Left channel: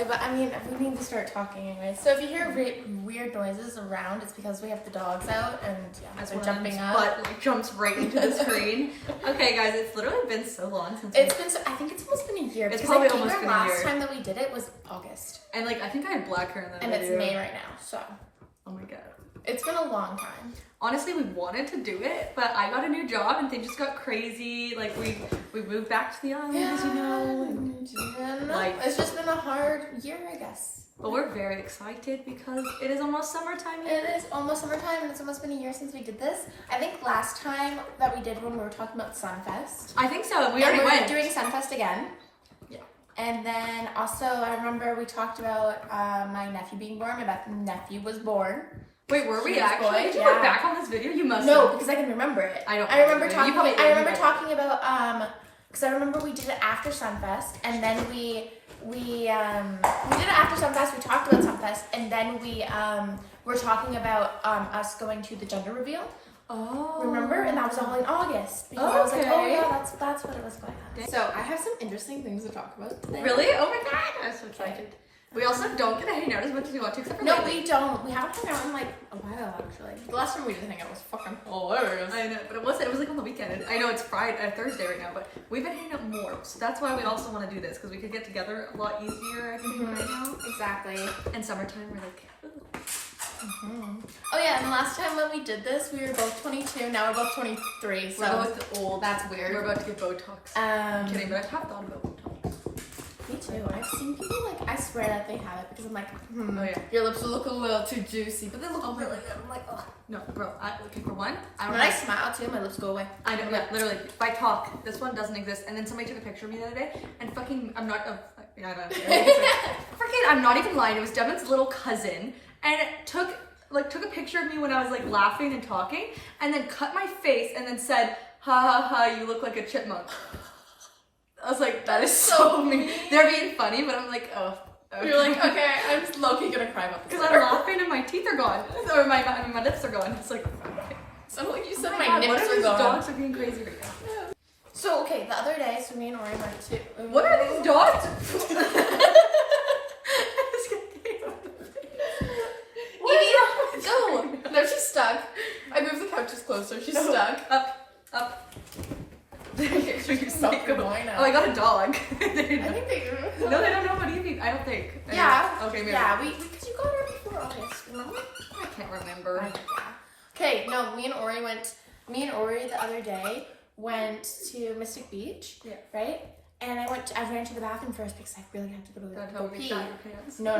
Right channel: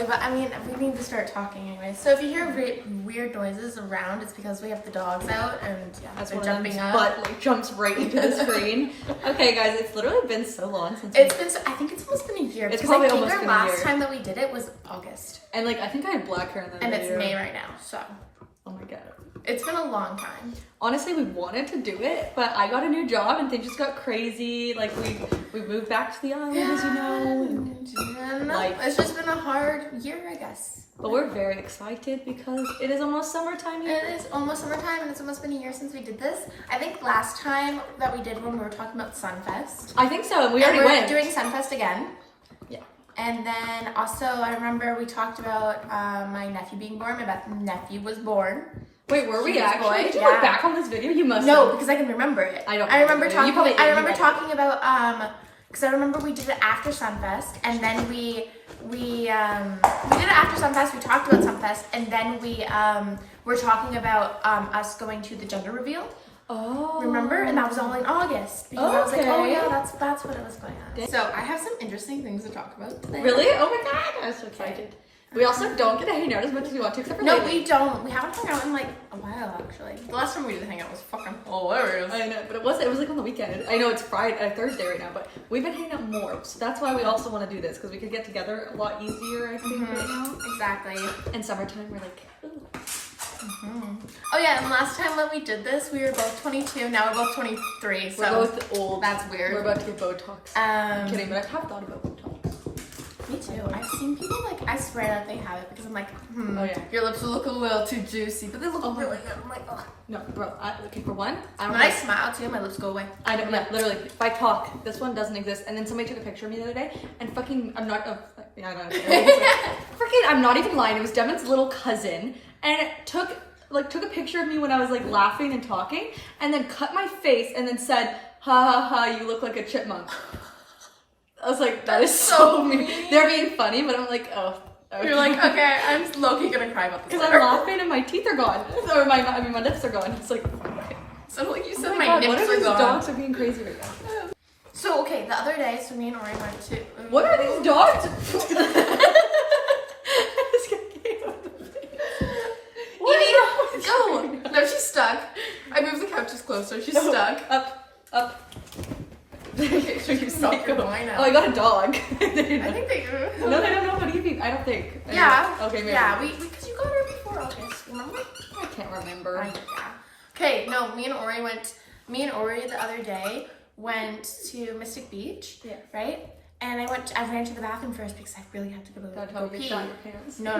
silly, but I mean, we need to start talking anyway. So if you hear weird noises around, it's because we have the dogs out and they're jumping up. But like jumps right into the screen. Okay, guys, it's literally been so long since I think it's almost been a year. It's because probably I think almost our been a last year. time that we did it was August, And like I think I had black hair in the and video. it's May right now. So Oh my god. it's been a long time. Honestly, we wanted to do it, but I got a new job and things just got crazy. Like we moved back to the island, as you know. And Life. it's just been a hard year, I guess. But we're very excited because it is almost summertime here. It is almost summertime, and it's almost been a year since we did this. I think last time that we did when we were talking about Sunfest. I think so. We And already we're went. doing Sunfest again. Yeah. And then also, I remember we talked about my nephew being born. My nephew was born. Wait, were we He was actually? boy, Did you yeah. look back on this video? You must No, have. because I can remember it. I don't I remember remember. You talking. probably- I you remember might- talking about because I remember we did it after Sunfest, and then we did it after Sunfest. We talked about Sunfest, and then we were talking about us going to the gender reveal. Oh. Remember? And that was all in August. Because I was like, oh Okay. yeah, that's what it was going on. So I have some interesting things to talk about today. Really? Oh my god! I'm so excited. We also don't get to hang out as much as we want to, except for No, lately. we don't. We haven't hung out in like a while actually. The last time we did hang out was fucking hilarious. I know, but it was like on the weekend. I know it's Thursday right now, but we've been hanging out more. So that's why we also want to do this, because we could get together a lot easier, I think, right now. Exactly. In summertime, we're like, ooh. Oh yeah, and last time when we did this, we were both 22. Now we're both 23. So We're both old. that's weird. We're about to get Botox. I'm kidding, but I have thought about Botox. Me too. I've seen people like, I swear that they have it because I'm like, Oh, yeah. your lips look a little too juicy, but they look really good. I'm like, oh. No, bro, okay, for one, I don't When I like, smile too, my lips go away. I don't know, literally, if I talk, this one doesn't exist, and then somebody took a picture of me the other day, and fucking, I'm not, yeah, I don't know, freaking, I'm not even lying, it was Devin's little cousin, and it took a picture of me when I was like laughing and talking, and then cut my face, and then said, ha ha ha, you look like a chipmunk. I was like, that is so mean. They're being funny, but I'm like, oh. Okay. You're like, okay, I'm low-key gonna cry about this. Because I'm laughing and my teeth are gone, or my lips are gone. It's like, So like you said, oh my God, nips what are are these gone. dogs are being crazy right now? So okay, the other day, so me and Ori went to. What are these dogs? Evie, go! No, she's stuck. I moved the couches closer. She's stuck. Up. Okay, so you stop your going now. Oh, I got a dog. I think they do. No, they don't know what Evie. I don't think. Yeah. Okay, maybe. Yeah, because you got her before August. Remember? I can't remember. Yeah. Okay, no, me and Ori the other day went to Mystic Beach. Yeah. Right? And I ran to the bathroom first because I really had to go That's how we pee. shot your pants. No.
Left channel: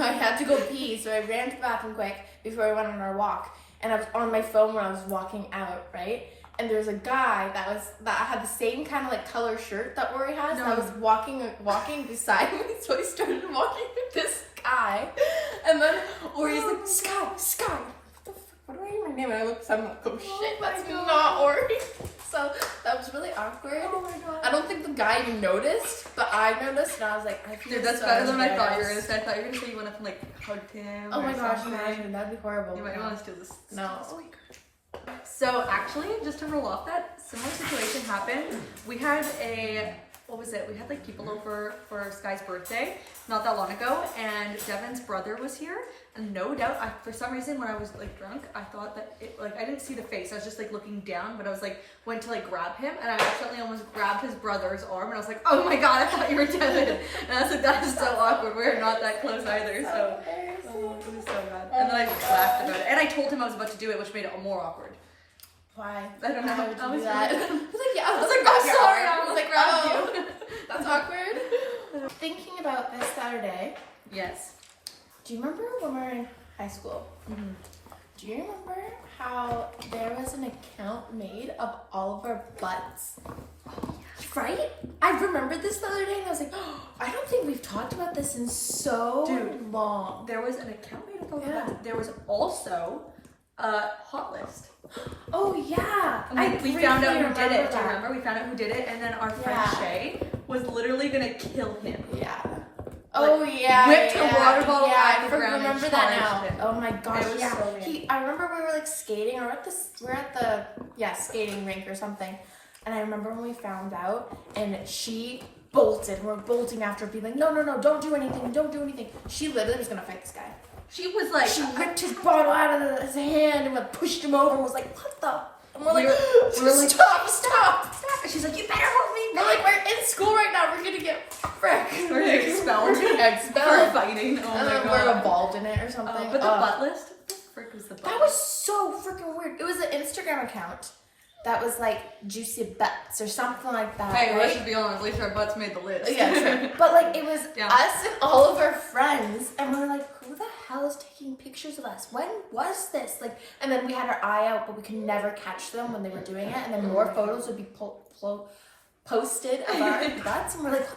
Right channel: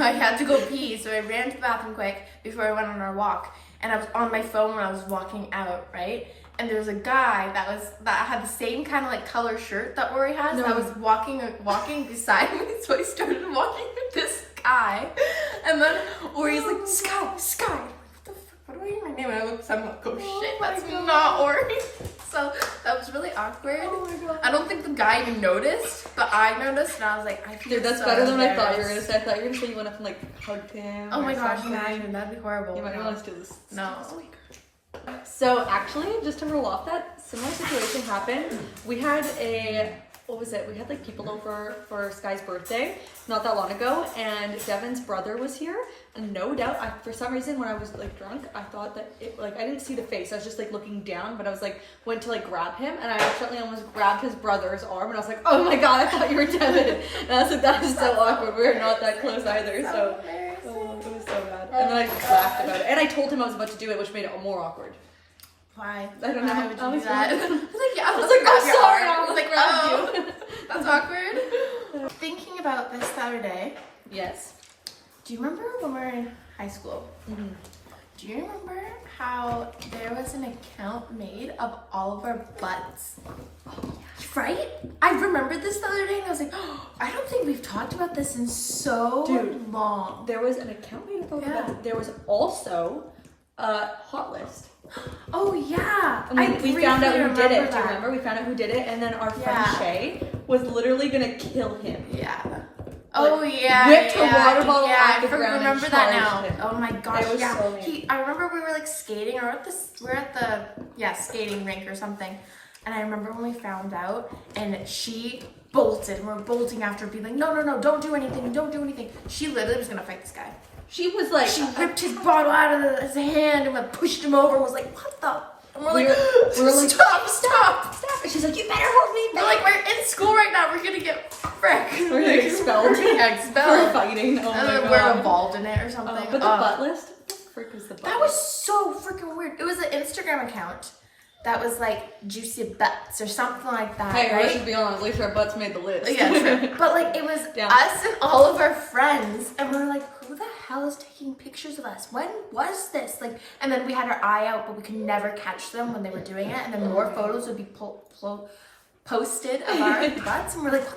I had to go pee, so I ran to the bathroom quick before I went on our walk. And I was on my phone when I was walking out, right? And there was a guy that had the same kind of like color shirt that Ori has. No. That was walking beside me, so I started walking with this guy. And then Ori's like, Sky. What the fuck? What do I hear my name? And I look, I'm like, oh shit, my that's God. not Ori. So that was really awkward. Oh my God. I don't think the guy even noticed, but I noticed, and I was like, I feel Dude, that's so better than I thought you were embarrassed. gonna say. I thought you were gonna say you went up and like hugged him. Oh or my gosh, something. imagine, that'd be horrible. You might want to steal this. No. So actually, just to roll off that, similar situation happened. We had we had like people over for Sky's birthday not that long ago, and Devin's brother was here. And no doubt, for some reason, when I was like drunk, I thought that I didn't see the face. I was just like looking down, but I was like went to like grab him, and I accidentally almost grabbed his brother's arm, and I was like, oh my God, I thought you were Devin. And I was like, that is so awkward. We're not that close either, so. Oh, it was so bad. And then I just laughed about it. And I told him I was about to do it, which made it more awkward. Why? I don't know. Why would you I was do that? like- I was like, yeah. I was like, I'm sorry. I was like, oh, grab you. that's awkward. Thinking about this Saturday, Yes. do you remember when we were in high school? Mm-hmm. Do you remember how there was an account made of all of our butts? Right? I remembered this the other day and I was like, oh, I don't think we've talked about this in so Dude. long. There was an account made of Yeah. that. There was also a hot list. Oh yeah. And we found out who briefly did it. Do you that. remember? We found out who did it, and then our friend Yeah. Shay was literally gonna kill him. Yeah. Oh yeah. whipped her yeah, water bottle yeah, off the ground and remember that now. challenged him. Oh my gosh. It was Yeah. so mean. I remember we were like skating or we're at the skating rink or something. And I remember when we found out and she bolted. We're bolting after being like, no, don't do anything, don't do anything. She literally was gonna fight this guy. She was like, She ripped his bottle out of his hand and went, pushed him over and was like, what the? And we're like, we were like, stop. and she's like, you better hold me We're back. like, we're in school right now. We're gonna get frick. We're gonna get expelled. We're gonna get For expelled. fighting. Oh And my then we're god. involved in it or something. But the butt list? What the frick was the butt That was so freaking weird. It was an Instagram account that was like Juicy Butts or something like that. Hey, right? let's just be honest. At least our butts made the list. Yeah, sure. But like it was Yeah. us and all of our friends, and we're like, who the hell is taking pictures of us? When was this? Like, and then we had our eye out, but we could never catch them when they were doing it, and then more photos would be posted of our butts, and we're like,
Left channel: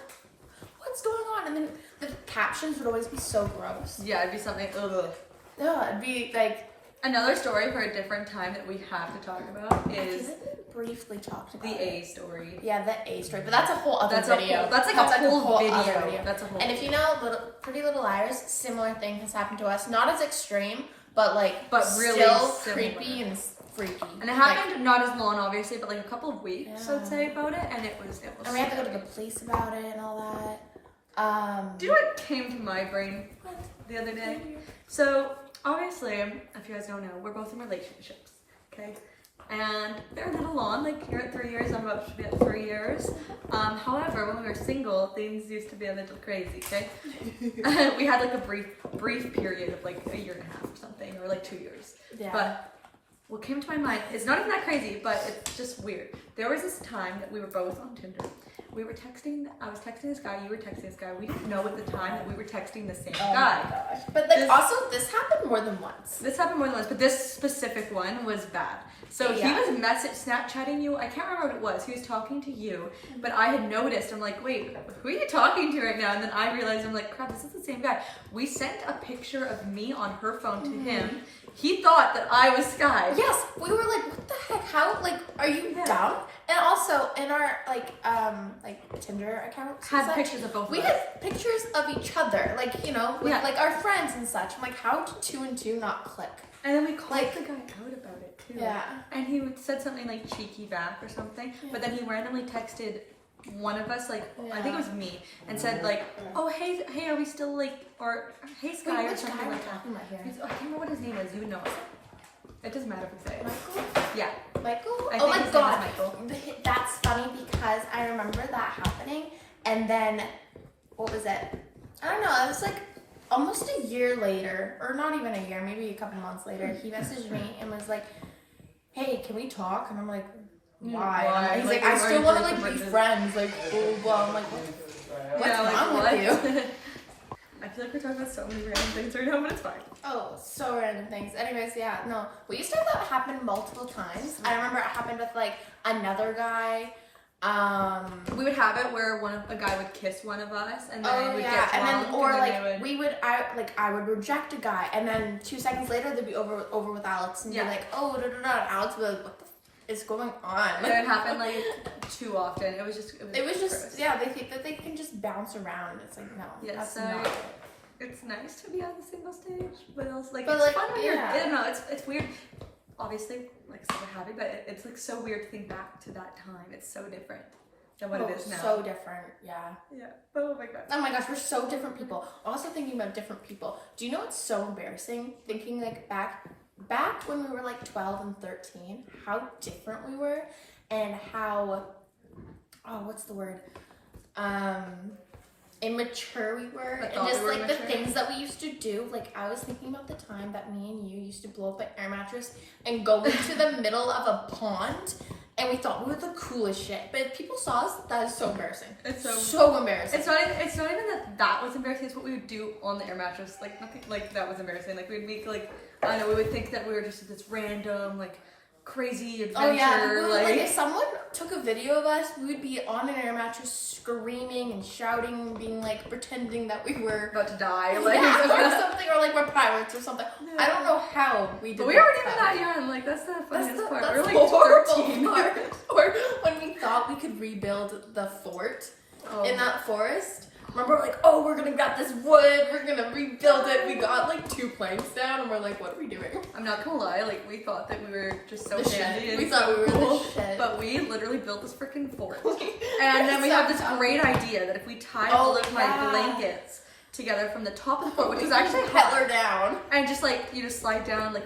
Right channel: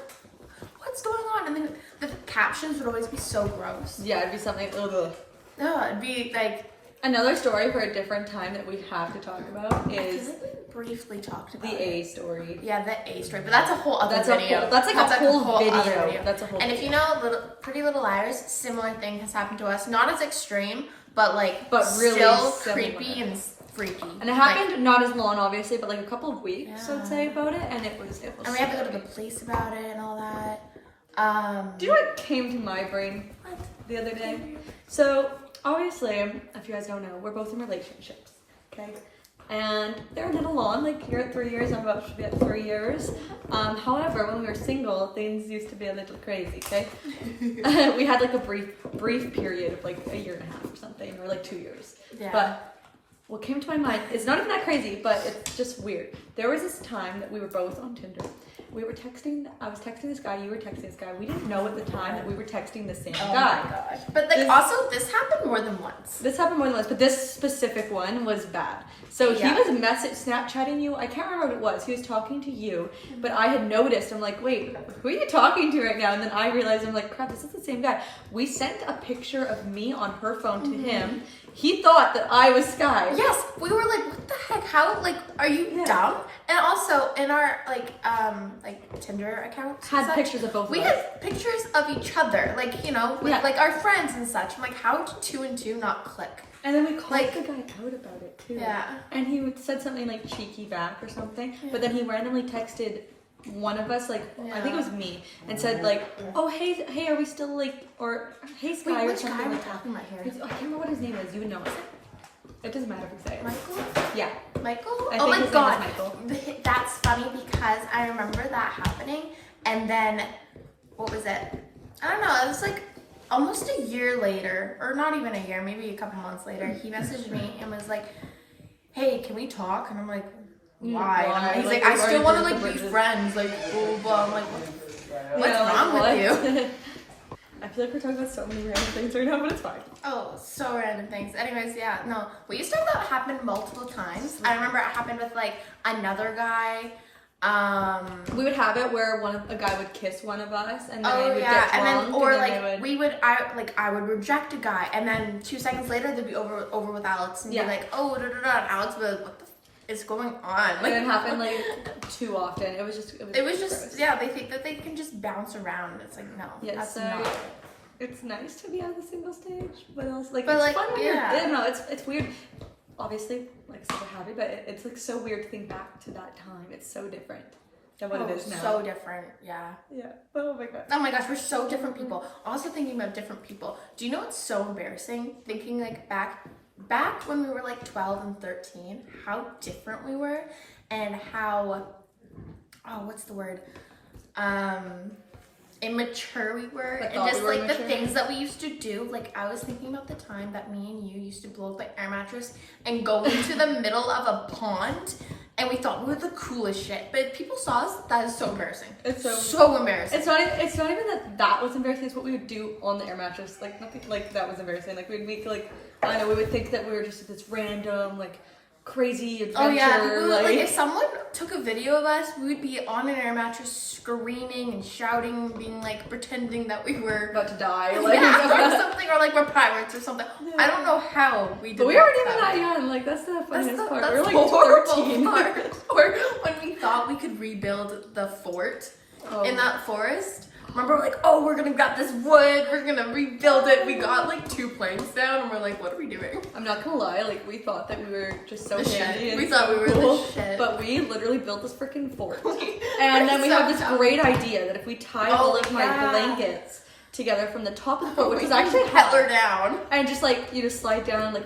what's going on? And then the captions would always be so gross. Yeah, it'd be something. Ugh. No, it'd be like. Another story for a different time that we have to talk about I feel is like we briefly talked about the it. A story. Yeah, the A story, but that's a whole other That's video. that's like a whole video. other That's a whole. And if you know Pretty Little Liars, similar thing has happened to us. Not as extreme, but like really still similar. creepy and freaky. And it happened not as long, obviously, but like a couple of weeks, Yeah. I'd say, about it, and it was. And we had to go to the police about it and all that. Do you know what came to my brain What? the other day? So obviously, if you guys don't know, we're both in relationships, okay? And they're a little long. Like you're at 3 years, I'm about to be at 3 years. However, when we were single, things used to be a little crazy, okay? We had like a brief period of like a year and a half or something, or like 2 years. Yeah. But what came to my mind, it's not even that crazy, but it's just weird. There was this time that we were both on Tinder. We were texting, I was texting this guy, you were texting this guy. We didn't know at the time that we were texting the same Oh guy. my gosh. But like This- also this happened more than once. This happened more than once, but this specific one was bad. So Yeah. he was Snapchatting you. I can't remember what it was. He was talking to you, but I had noticed. I'm like, wait, who are you talking to right now? And then I realized, I'm like, crap, this is the same guy. We sent a picture of me on her phone to him. He thought that I was Sky. Yes, we were like, what the heck? How like are you Yeah. dumb? And also in our like Tinder accounts and Had such, pictures of both we of us. had pictures of each other, like, you know, with Yeah. like our friends and such. I'm like, how did 2 and 2 not click? And then we called Like- the guy out about it too. Yeah. And he said something like cheeky back or something. But then he randomly texted one of us, like I think it was me, and said like, "Oh hey, are we still like, or hey Sky Wait, or which guy something are we like that." talking about here? I can't remember what his name is. You would know it. It doesn't matter if we say it. Michael? Yeah. Michael? I Oh think my his name is god. Michael. That's funny because I remember that happening, and then what was it? I don't know, it was like almost a year later, or not even a year, maybe a couple months later, he messaged me and was like, hey, can we talk? And I'm like, why? Why? And I'm- he's Like, like, I we've still already want to broken like be bridges. friends, like, blah, blah. I'm like, what's Yeah, like, wrong what? with you? I feel like we're talking about so many random things right now, but it's fine. Oh, so random things. Anyways, yeah, no. We used to have that happen multiple times. I remember it happened with like another guy. We would have it where a guy would kiss one of us, and then Oh we'd yeah, get and drunk, then or and like then I would reject a guy, and then 2 seconds later they'd be over with Alex, and Yeah. be like, oh da da da, and Alex would be like, what the is going on? Like it happened like too often. It was just gross. yeah. They think that they can just bounce around. It's like no, Yeah, that's so not. it's nice to be on the single stage, but else like But, it's like, fun when yeah. you're no, it's weird. Obviously, like I said, we're happy, but it's like so weird to think back to that time. It's so different than what it is now. So different, yeah. Yeah. Oh my god. Oh my gosh, we're so different people. Also thinking about different people. Do you know what's so embarrassing? Thinking like back when we were like 12 and 13, how different we were and how what's the word? Immature we were, I and thought just we were like the immature. things that we used to do. Like I was thinking about the time that me and you used to blow up an air mattress and go into the middle of a pond, and we thought we were the coolest shit. But if people saw us, that is so embarrassing. It's So embarrassing. It's not even that was embarrassing. It's what we would do on the air mattress. Like nothing like that was embarrassing. Like we'd make like I don't know. We would think that we were just this random like crazy adventure. Oh yeah, people, like like if someone took a video of us, we would be on an air mattress screaming and shouting, being like pretending that we were about to die. Like, yeah, or something, or like we're pirates or something. I don't know how we did. But we that weren't even stuff. that young. Like that's the That's funniest the, part. that's we were the like horrible 13. part. Or when we thought we could rebuild the fort Oh. in that forest. Remember, like, oh, we're gonna grab this wood, we're gonna rebuild it. We got like 2 planks down, and we're like, what are we doing? I'm not gonna lie, like we thought that we were just so The handy shit. and We thought we were cool, the shit. but we literally built this freaking fort. We're And then we so had this dumb. great idea that if we tied Oh, all of my yeah. blankets together from the top of the fort, which We was actually Hitler high, down. and just like slide down like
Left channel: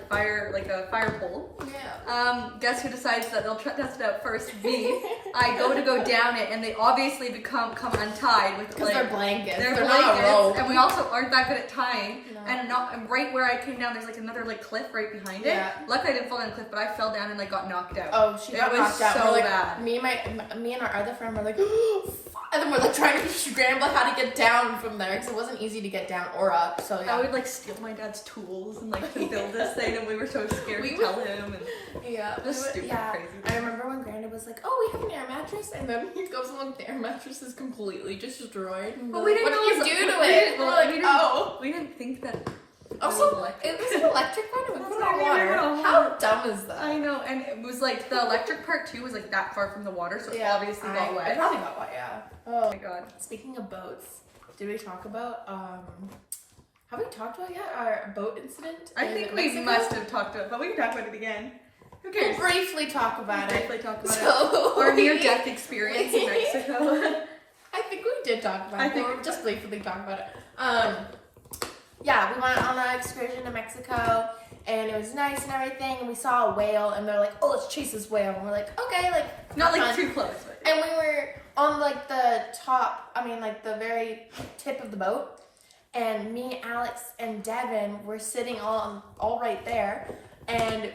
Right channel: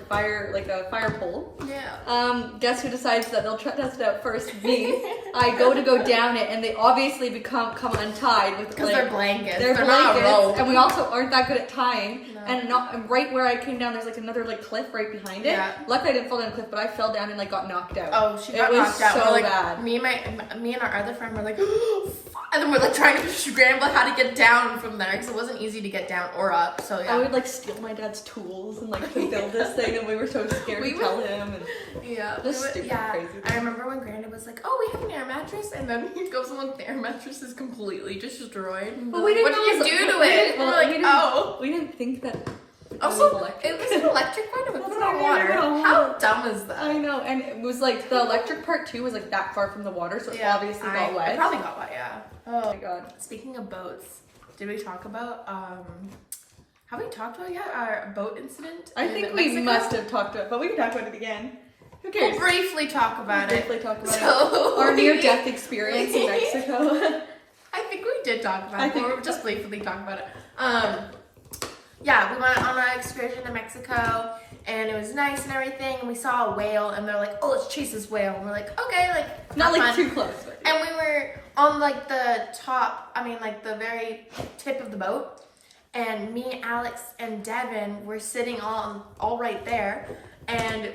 a fire pole. Yeah. Guess who decides that they'll test it out first? Me. I go down it, and they obviously come untied with Because like, they're blankets. They're not a blankets, rope. and we also aren't that good at tying. No. And right where I came down, there's like another like cliff right behind it. Yeah. Luckily, I didn't fall down the cliff, but I fell down and like got knocked out. Oh, she It got was knocked out. so We're like, bad. Me and our other friend were like, and then we're like trying to scramble how to get down from there because it wasn't easy to get down or up. So yeah. I would like steal my dad's tools and like to build this thing, and we were so scared We to would- tell him. And Yeah, Just we would- stupid, yeah. crazy I remember when Grandad was like, "Oh, we have an air mattress," and then he goes on, the air mattress is completely destroyed. But we didn't What know did you it was- do to we it? didn't- We're well, like, we didn't- "Oh." we didn't think that. It was Also, electric. it was an electric one. It was Well, not I water. know. How dumb is that? I know, and it was like the electric part too was like that far from the water, so it obviously got wet. It probably got wet. Yeah. Oh my god. Speaking of boats, did we talk about have we talked about yet our boat incident? I in think we Mexico? must have talked about it, but we can talk about it again. Who We'll cares? briefly talk about it. Briefly talk about it. So Our near-death experience in Mexico. I think we did talk about I it. think- We'll just briefly talk about it. Yeah, we went on an excursion to Mexico, and it was nice and everything. And we saw a whale, and they're like, "Oh, let's chase this whale." And we're like, "Okay, like Not like fun." too close. But And we were on like the top, like the very tip of the boat. And me, Alex, and Devin were sitting all right there. And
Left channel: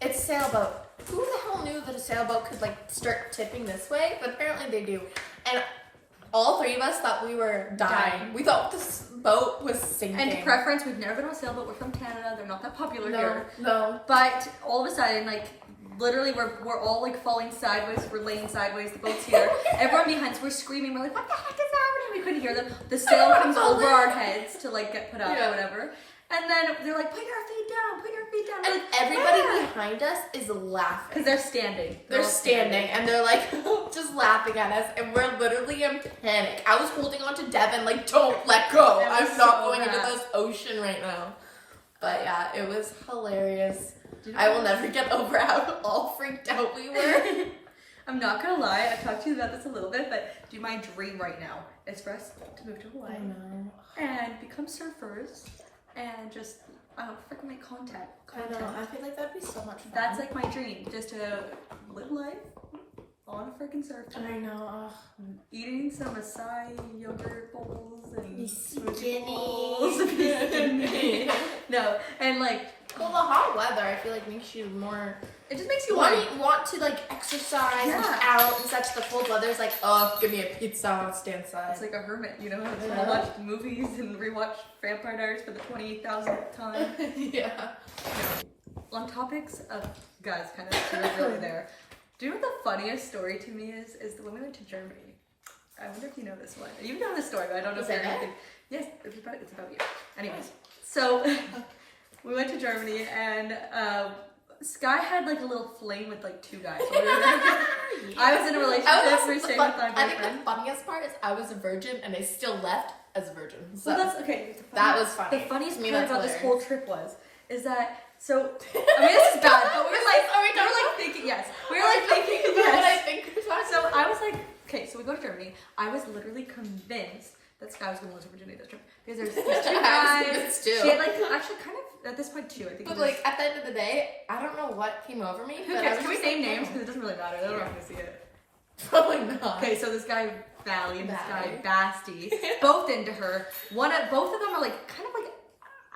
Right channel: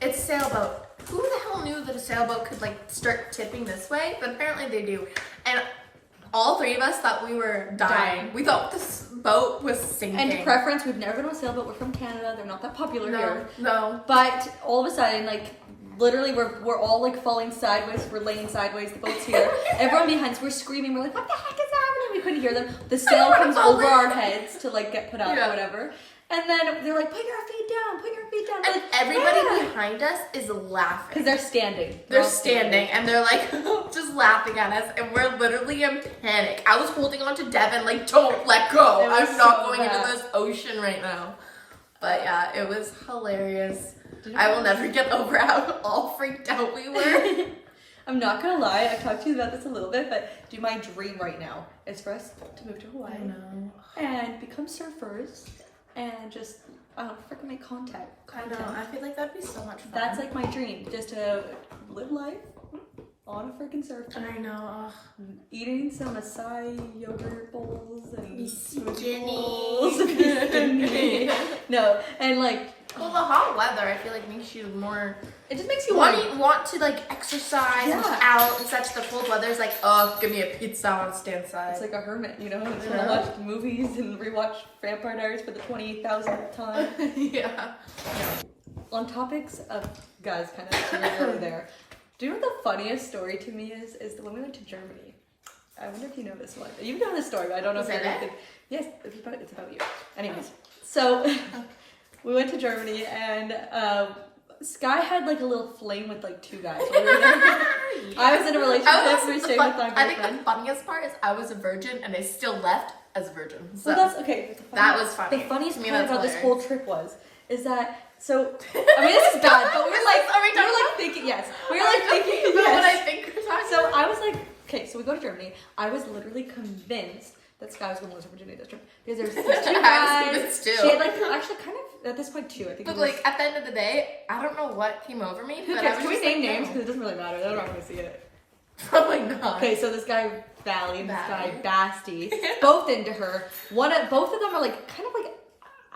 it's a sailboat. Who the hell knew that a sailboat could like start tipping this way? But apparently they do. And all 3 of us thought we were dying. We thought this boat was sinking. and preference, we've never been on a sailboat. We're from Canada. They're not that popular here. No. But all of a sudden, like, literally, we're all like falling sideways. We're laying sideways. The boat's here. Everyone behind us, we're screaming. We're like, "What the heck is happening?" We couldn't hear them. The sail comes over our heads to like get put up Yeah. or whatever. And then they're like, "Put your feet down. Put your feet down." And Like, everybody "Yeah." behind us is laughing. Because they're standing. They're all standing and they're like just laughing at us, and we're literally in panic. I was holding on to Devin, like, don't let go. It was I'm not so going into bad. this ocean right now. But yeah, it was hilarious. Did I you- will never get over how all freaked out we were. I'm not gonna lie, I've talked to you about this a little bit, but dude, my dream right now is for us to move to Hawaii know. and become surfers and just freaking make content. I know. I feel like that'd be so much fun. That's like my dream, just to live life on a freaking surfboard, I know. eating some acai yogurt bowls and Be smoothie skinny. bowls. Be skinny. No, and like Well, the hot weather, I feel like makes you more it just makes you want. want to like exercise and Yeah. out and such. The cold weather is like, oh, give me a pizza, I'll stay inside. It's like a hermit, you know. It's Yeah. gonna watch movies and rewatch Vampire Diaries for the 28,000th time. Yeah. On topics of guys, kind of really there. Do you know what the funniest story to me is when we went to Germany? I wonder if you know this one. You know this story, but I don't know Is if it you're it? thinking. Yes, it's about you. Anyways, so we went to Germany and Sky had like a little fling with like 2 guys. I was in a relationship. We stayed with our I think boyfriend. the funniest part is I was a virgin and I still left as a virgin. So Well, that's okay. that was funny. The funniest To me, part that's about this hilarious. whole trip is that so. I mean, this is bad, but we were like, Are we we talking were like thinking yes. We were like thinking about what I yes. think we're talking So about? I was like, okay, so we go to Germany. I was literally convinced that Sky was going to lose her virginity this trip because there's 2 I was guys. convinced too. She had like actually kind of at this point 2. I think. But it was, like at the end of the day, I don't know what came over me. who But I cares? was Can we just name like, names? no. Because it doesn't really matter. They're not going to see it. Probably not. Okay, so this guy Valley and this guy Valley. Basti, both into her. Both of them are like kind of like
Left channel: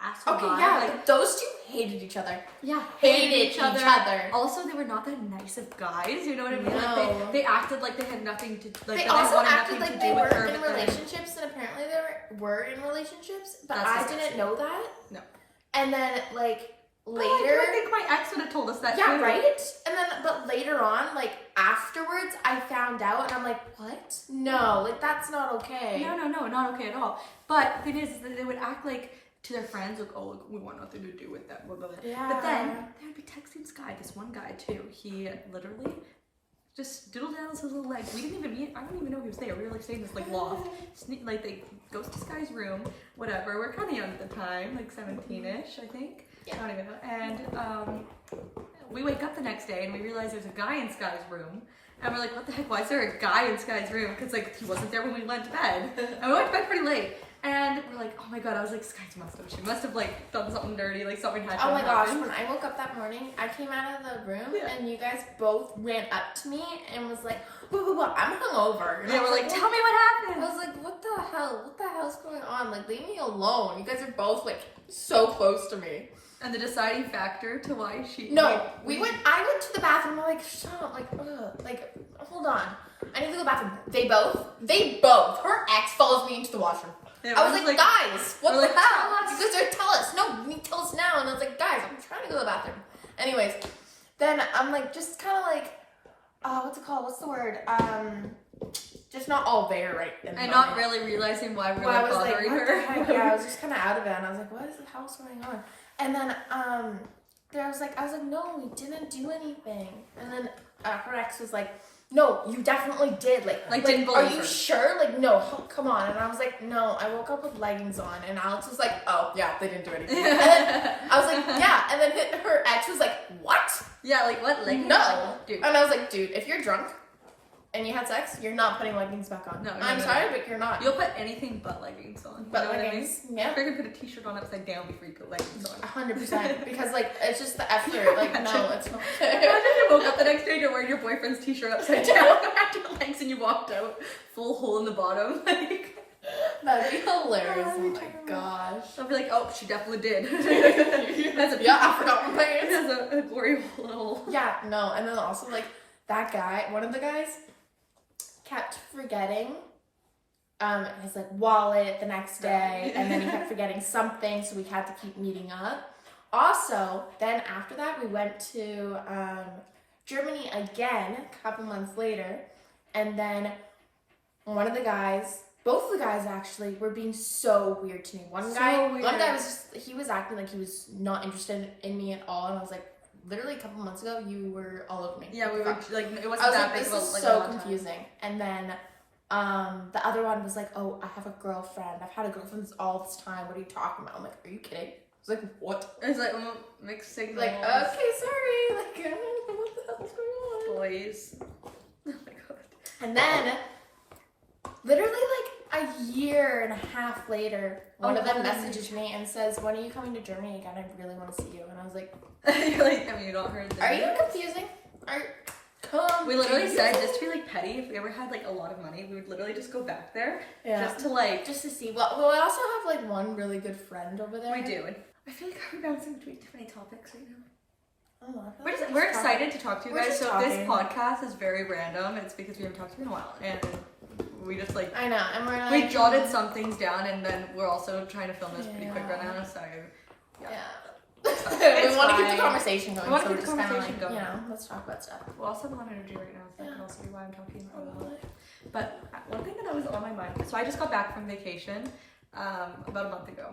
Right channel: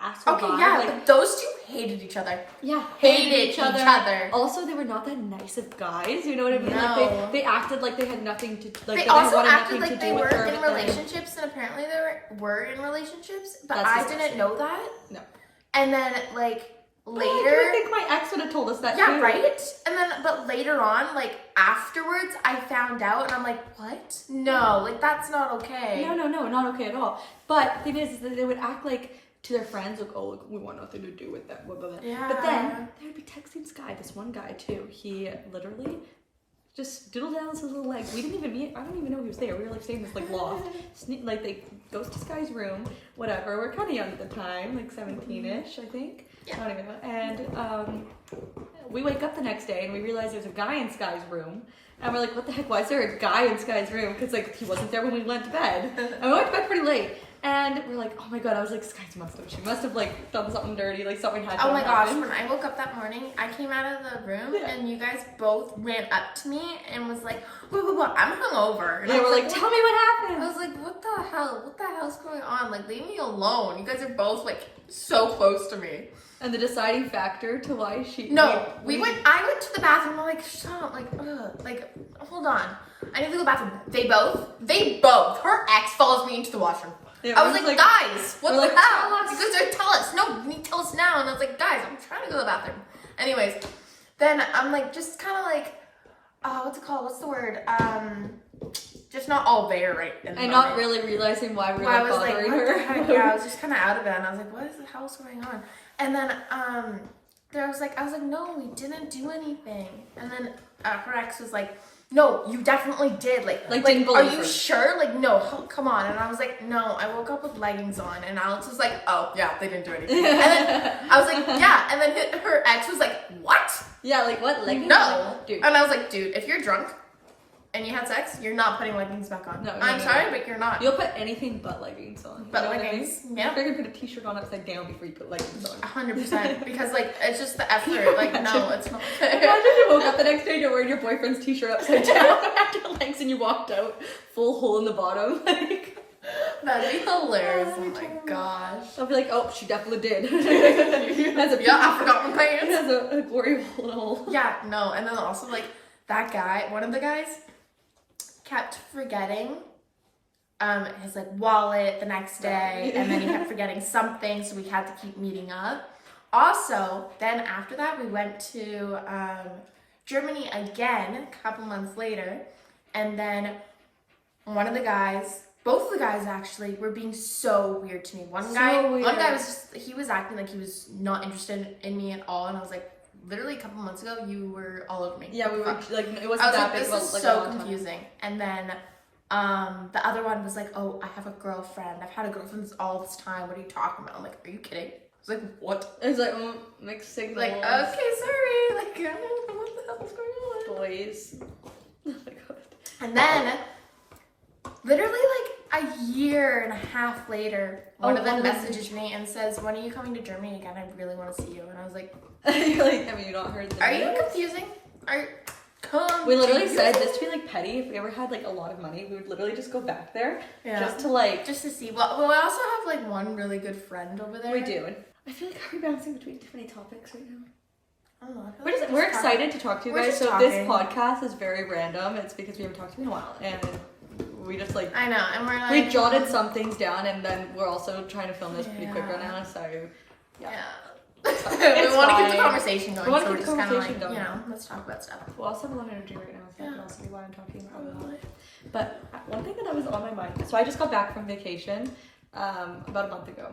asshole Okay, vibe, yeah, like, but those 2 hated each other. yeah, Hated each other. Also, they were not that nice of guys. You know what I mean? No. Like they acted like they had nothing to like. They they also wanted acted nothing like to they do with weren't her, in but then- relationships, and apparently they were in relationships, but That's I disgusting. didn't know that. No. And then like Oh, later, I think my ex would have told us that yeah, too. right. And then, but later on, like afterwards, I found out, and I'm like, what? No, like that's not okay. No, not okay at all. But the thing is that they would act like to their friends, like, oh, look, we want nothing to do with that. Blah, blah, blah. Yeah. But then they would be texting Sky, this one guy too. He literally just doodle down his little legs. We didn't even meet. I don't even know he was there. We were like staying in this like loft. Like they goes to Sky's room, whatever. We're kind of young at the time, like 17ish, I think. Yeah. I don't even know. And we wake up the next day and we realize there's a guy in Sky's room. And we're like, what the heck? Why is there a guy in Sky's room? Because like he wasn't there when we went to bed. And we went to bed pretty late. And we're like, oh my god, I was like, Sky's she must have like done something dirty, like something had to Oh my have gosh, happened. when I woke up that morning, I came out of the room Yeah. and you guys both ran up to me and was like, whoa, I'm hungover. And They I were was like, tell me what I happened. was like, what the hell's going on? Like, leave me alone. You guys are both like so close to me. And the deciding factor to why she No, I went to the bathroom. I'm like, stop, like, hold on. I need to go to the bathroom. They both. Her ex follows me into the washroom. Yeah, I was we're like, just guys, what we're the like, hell? tell us. You guys are tell us. No, you need to tell us now. And I was like, guys, I'm trying to go to the bathroom. Anyways, then I'm like, just kind of like, what's it called? What's the word? Just not all there right in the and moment. not really realizing why we're Well, I like was like, bothering what the her. heck? Yeah, I was just kind of out of it, and I was like, what is the hell's going on? And then I was like, no, we didn't do anything. And then her ex was like, no, you definitely did. Like didn't are believe you her. sure? Like, no, come on. And I was like, no, I woke up with leggings on. And Alex was like, oh, yeah, they didn't do anything. And then I was like, yeah. And then her ex was like, what? Yeah, like what? Like No. dude. And I was like, dude, if you're drunk and you had sex, you're not putting leggings back on. No, I'm sorry, but you're not. You'll put anything but leggings on. But you know what I mean? leggings, yeah. You're gonna put a t-shirt on upside down before you put leggings on. 100%. Because, like, it's just the effort. Like, no, it's not fair. Imagine you woke up the next day and you're wearing your boyfriend's t-shirt upside down around your legs and you walked out full hole in the bottom. Like, That'd be hilarious. Oh, Oh my gosh. I'll be like, oh, she definitely did. Has a Yeah, I forgot my It pants. has a gory hole. Yeah, no, and then also like that guy, one of the guys, kept forgetting his like wallet the next day, and then he kept forgetting something, so we had to keep meeting up. Also, then after that, we went to Germany again a couple months later, and then both of the guys actually were being so weird to me. One guy he was acting like he was not interested in me at all, and I was like, literally a couple months ago, you were all over me. Yeah, we were like, it I wasn't was that like, big this of a is like, a so long time. confusing. And then the other one was like, oh, I have a girlfriend. I've had a girlfriend all this time. What are you talking about? I'm like, are you kidding? I was like, what? It was like, mixed signals. Like, okay, sorry. Like, I don't know what the hell's going on. Boys. Oh my god. And then, literally like a year and a half later, one of them messages me and says, when are you coming to Germany again? I really want to see you. And I was like, You're like, I mean, you don't heard the are you news? confusing? Come. We literally said, just to be like petty, if we ever had like a lot of money, we would literally just go back there. Yeah. Just to like. Just to see. Well, I also have like one really good friend over there. We do. I feel like we're bouncing between too many topics right now. I don't know, I feel We're like excited to talk to you We're guys. just So this talking. podcast is very random. It's because we haven't talked to you in a while, and we just like I know, and we're like we jotted some things down, and then we're also trying to film this pretty quick right Yeah. now. So yeah. It's we want to keep fine. the conversation going, We wanna so we're keep just the kind of conversation like, going. you know, let's talk about stuff. we also have a lot of energy right now, so that can Yeah. also be why I'm talking about a lot. But one thing that was on my mind. So I just got back from vacation about a month ago.